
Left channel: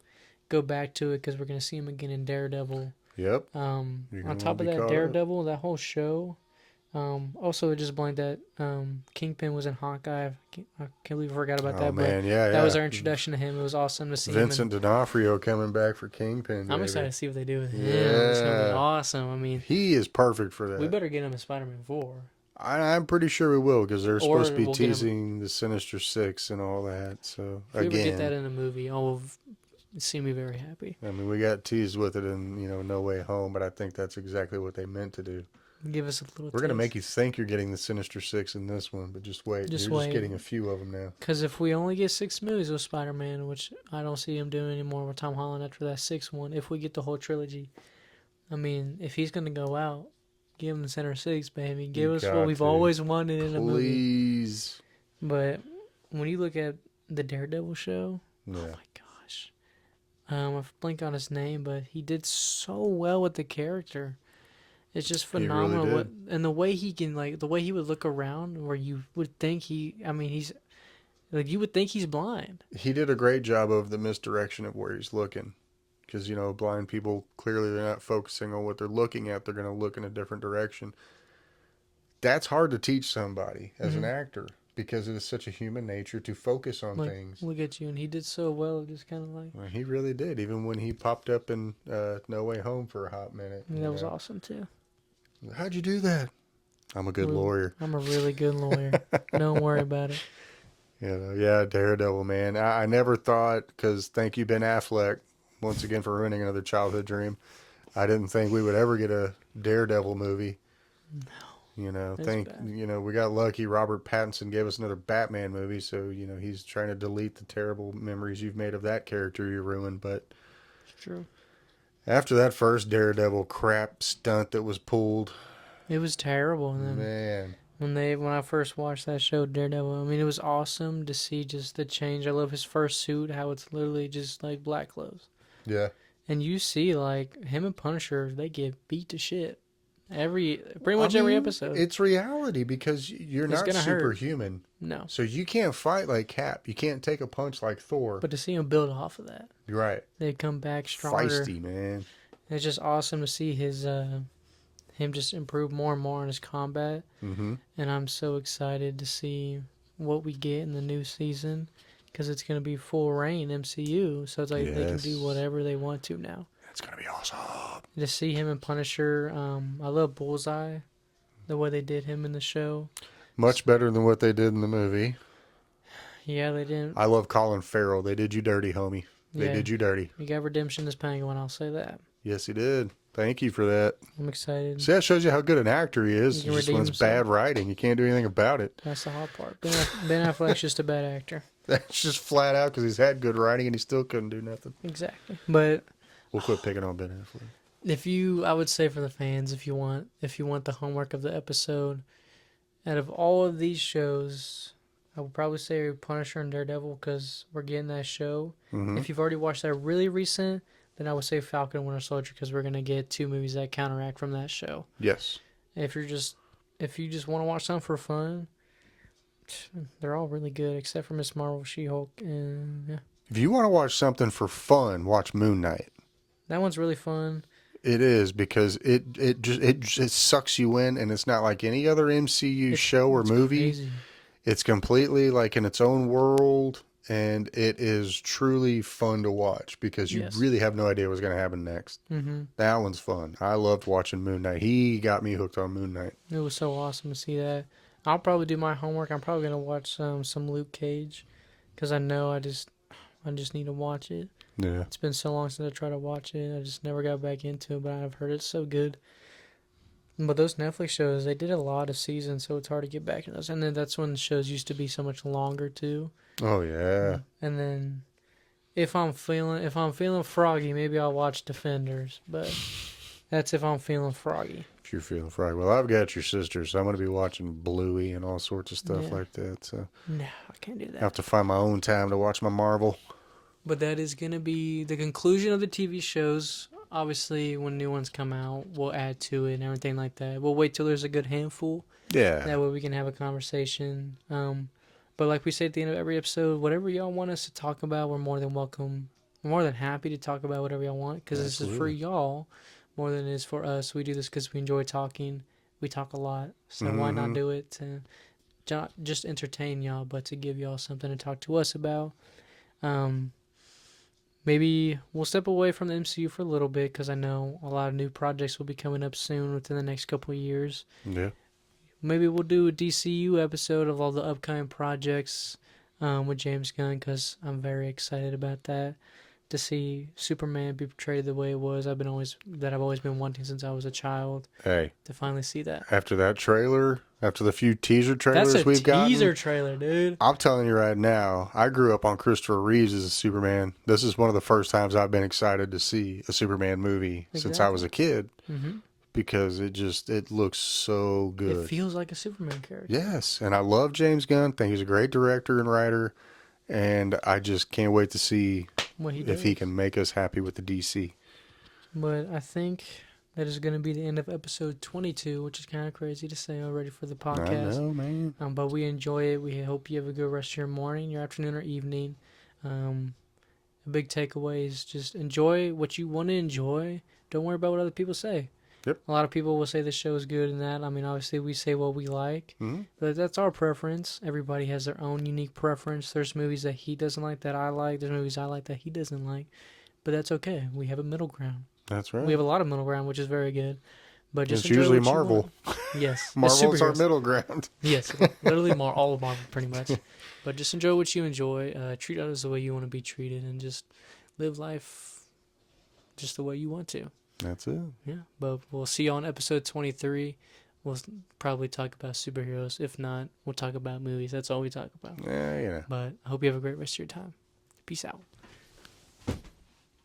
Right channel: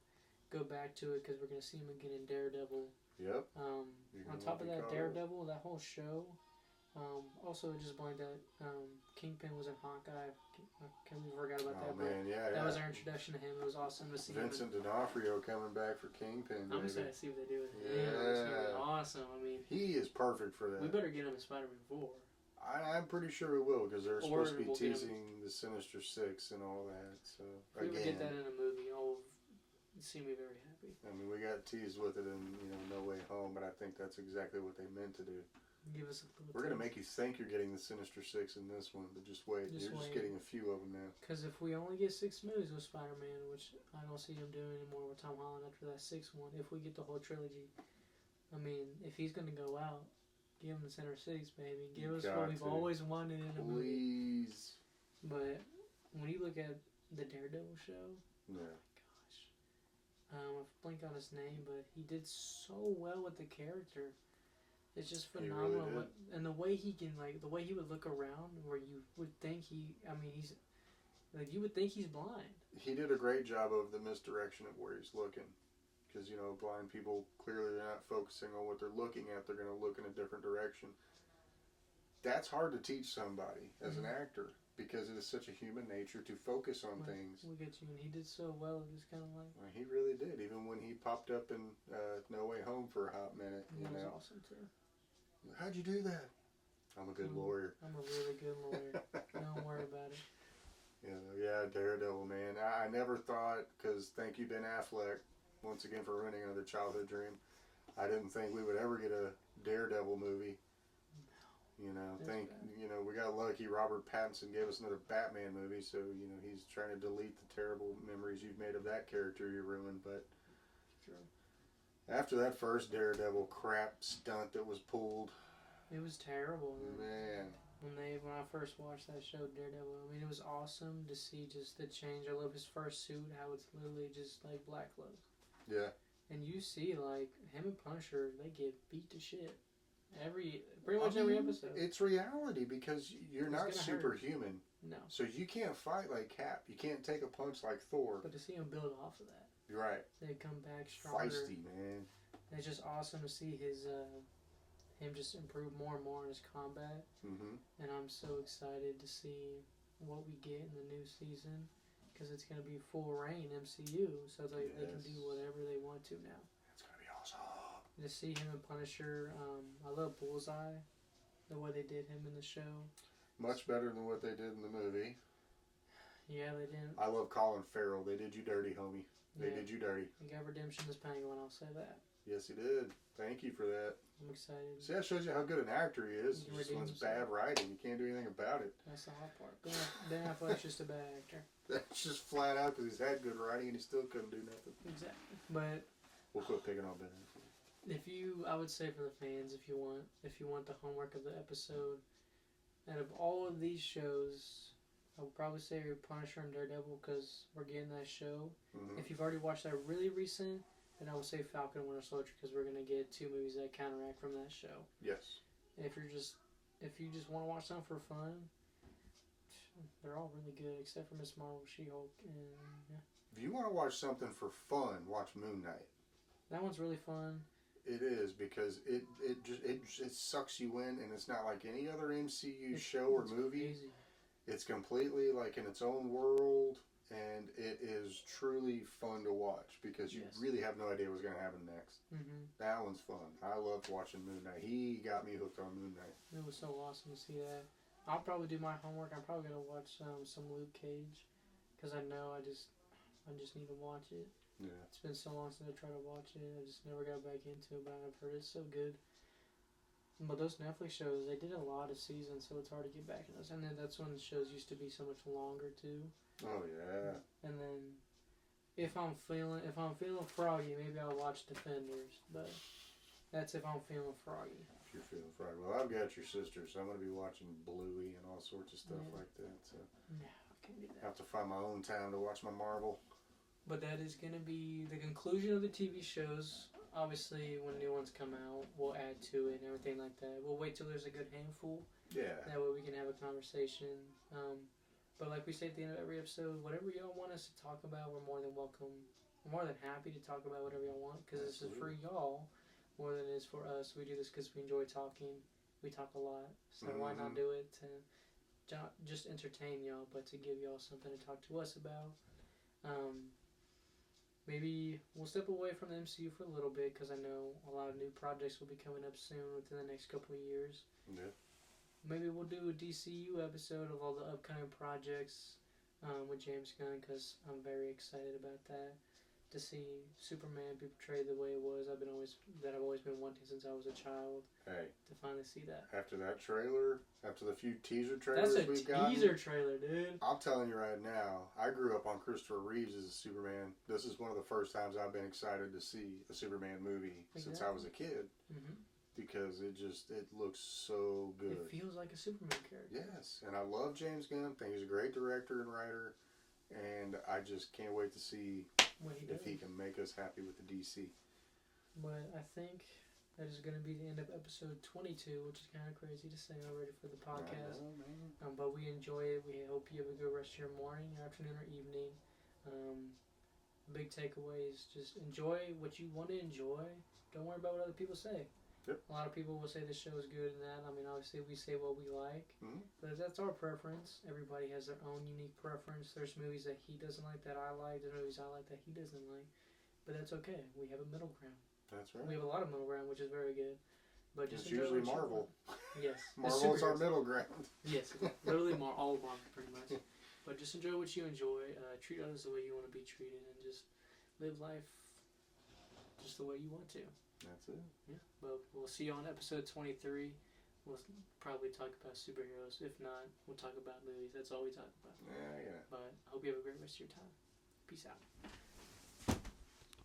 go back to it because we're gonna see him again in Daredevil. Yep. On You're gonna top of be that, caught up. Daredevil, that whole show. Also, it just blanked that Kingpin was in Hawkeye. I can't believe I forgot about Oh that. man, But yeah, that was yeah. our introduction to him. It was awesome to see Vincent him. D'Onofrio coming back for Kingpin. I'm baby. excited to see what they do with him. It's gonna be Yeah. awesome. I mean, He is perfect for that. we better get him in Spider-Man 4. I'm pretty sure we will because they're supposed to be we'll get him- teasing the Sinister Six and all that. So If we ever get that again, in a movie, I'll see me very happy. I mean, we got teased with it in No Way Home, but I think that's exactly what they meant to do. Give us a little. We're gonna make you think you're getting the Sinister Six in this one, but just wait. Just You're wait. just getting a few of them now. Because if we only get 6 movies with Spider-Man, which I don't see him doing anymore with Tom Holland after that 6th one, if we get the whole trilogy, I mean, if he's gonna go out, give him the Center 6, baby. Give us what got we've to. always wanted in a movie. Please. But when you look at the Daredevil show, Yeah. oh my gosh, I blanked on his name, but he did so well with the character. It's just He really phenomenal. did. And the way he can the way he would look around, where you would think he's like you would think he's blind. He did a great job of the misdirection of where he's looking. Because, blind people, clearly they're not focusing on what they're looking at. They're going to look in a different direction. That's hard to teach somebody as an actor because it is such a human nature to focus on Like, things. look at you, and he did so well. Just kind of like Well, he really did, even when he popped up in No Way Home for a hot minute. that was awesome too. How'd you do that? I'm a good lawyer. I'm a really good lawyer. Don't worry about it. Yeah, Daredevil, man. I never thought, because thank you, Ben Affleck, once again for ruining another childhood dream. I didn't think we would ever get a Daredevil movie. It's bad. We got lucky. Robert Pattinson gave us another Batman movie, so he's trying to delete the terrible memories you've made of that character you ruined. But It's true. after that first Daredevil crap stunt that was pulled, It was terrible. And then man, when I first watched that show, Daredevil, I mean, it was awesome to see just the change. I love his first suit, how it's literally just like black clothes. yeah. And you see, like, him and Punisher, they get beat to shit. Pretty much every episode. It's reality because you're It's not gonna hurt. superhuman. No. So you can't fight like Cap. You can't take a punch like Thor. But to see him build off of that, You're right. they come back stronger. Feisty, man. It's just awesome to see him just improve more and more in his combat. Mm-hmm. And I'm so excited to see what we get in the new season because it's going to be full reign MCU. So it's like they can do whatever they want to now. It's going to be awesome. To see him and Punisher, I love Bullseye, the way they did him in the show. Much better than what they did in the movie. Yeah, they didn't. I love Colin Farrell. They did you dirty, homie. They did you dirty. You got redemption as Penguin, I'll say that. Yes, he did. Thank you for that. I'm exciid. See, that shows you how good an actor he is. He can Just when it's redeem himself. bad writing, you can't do anything about it. That's the hot part. Ben Affleck's just a bad actor. That's just flat out because he's had good writing and he still couldn't do nothing. Exactly. But We'll quit picking on Ben Affleck. I would say for the fans, if you want the homework of the episode, out of all of these shows, I would probably say Punisher and Daredevil because we're getting that show. Mm-hmm. If you've already watched that really recent, then I would say Falcon and Winter Soldier because we're gonna get two movies that counteract from that show. Yes. If you just want to watch something for fun, they're all really good except for Miss Marvel, She-Hulk, and yeah, If you want to watch something for fun, watch Moon Knight. that one's really fun. It is because it just sucks you in, and it's not like any other MCU show or movie. Crazy. It's completely like in its own world, and it is truly fun to watch because you really have no idea what's going to happen next. Mm-hmm. That one's fun. I loved watching Moon Knight. He got me hooked on Moon Knight. It was so awesome to see that. I'll probably do my homework. I'm probably gonna watch some Luke Cage, because I know I just need to watch it. Yeah. It's been so long since I tried to watch it. I just never got back into it, but I've heard it's so good. But those Netflix shows, they did a lot of seasons, so it's hard to get back in those. And then that's when the shows used to be so much longer too. Oh yeah. And then if I'm feeling froggy, maybe I'll watch Defenders. But that's if I'm feeling froggy. If you're feeling fried. Well, I've got your sister, so I'm going to be watching Bluey and all sorts of stuff like that. So No, I can't do that. I have to find my own time to watch my Marvel. But that is going to be the conclusion of the TV shows. Obviously, when new ones come out, we'll add to it and everything like that. We'll wait till there's a good handful. Yeah. That way we can have a conversation. But like we say at the end of every episode, whatever y'all want us to talk about, we're more than welcome. We're more than happy to talk about whatever y'all want because this is for y'all more than it is for us. We do this because we enjoy talking. We talk a lot. So why not do it to just entertain y'all, but to give y'all something to talk to us about. Maybe we'll step away from the MCU for a little bit because I know a lot of new projects will be coming up soon within the next couple of years. Yeah. Maybe we'll do a DCU episode of all the upcoming projects with James Gunn because I'm very excited about that. To see Superman be portrayed the way it was, I've always been wanting since I was a child. Hey. To finally see that. After that trailer, after the few teaser trailers we've got. That's a teaser trailer, dude. I'm telling you right now, I grew up on Christopher Reeves as a Superman. This is one of the first times I've been excited to see a Superman movie since I was a kid. Mm-hmm. Because it looks so good. It feels like a Superman character. Yes, and I love James Gunn. Think he's a great director and writer, and I just can't wait to see if he can make us happy with the DC. But I think that is going to be the end of episode 22, which is kind of crazy to say already for the podcast. I know, man. But we enjoy it. We hope you have a good rest of your morning, your afternoon, or evening. A big takeaway is just enjoy what you want to enjoy. Don't worry about what other people say. Yep. A lot of people will say the show is good and that. I mean, obviously, we say what we like. Mm-hmm. But that's our preference. Everybody has their own unique preference. There's movies that he doesn't like that I like. There's movies I like that he doesn't like. But that's okay. We have a middle ground. That's right. We have a lot of middle ground, which is very good. But just It's enjoy usually what you want. Marvel. Yes, it's Marvel's our superheroes. middle ground. Yes, literally all of Marvel, pretty much. But just enjoy what you enjoy. Treat others the way you want to be treated, and just live life just the way you want to. That's it. Yeah. But we'll see you on episode 23. We'll probably talk about superheroes. If not, we'll talk about movies. That's all we talk about. Yeah, you know. But I hope you have a great rest of your time. Peace out.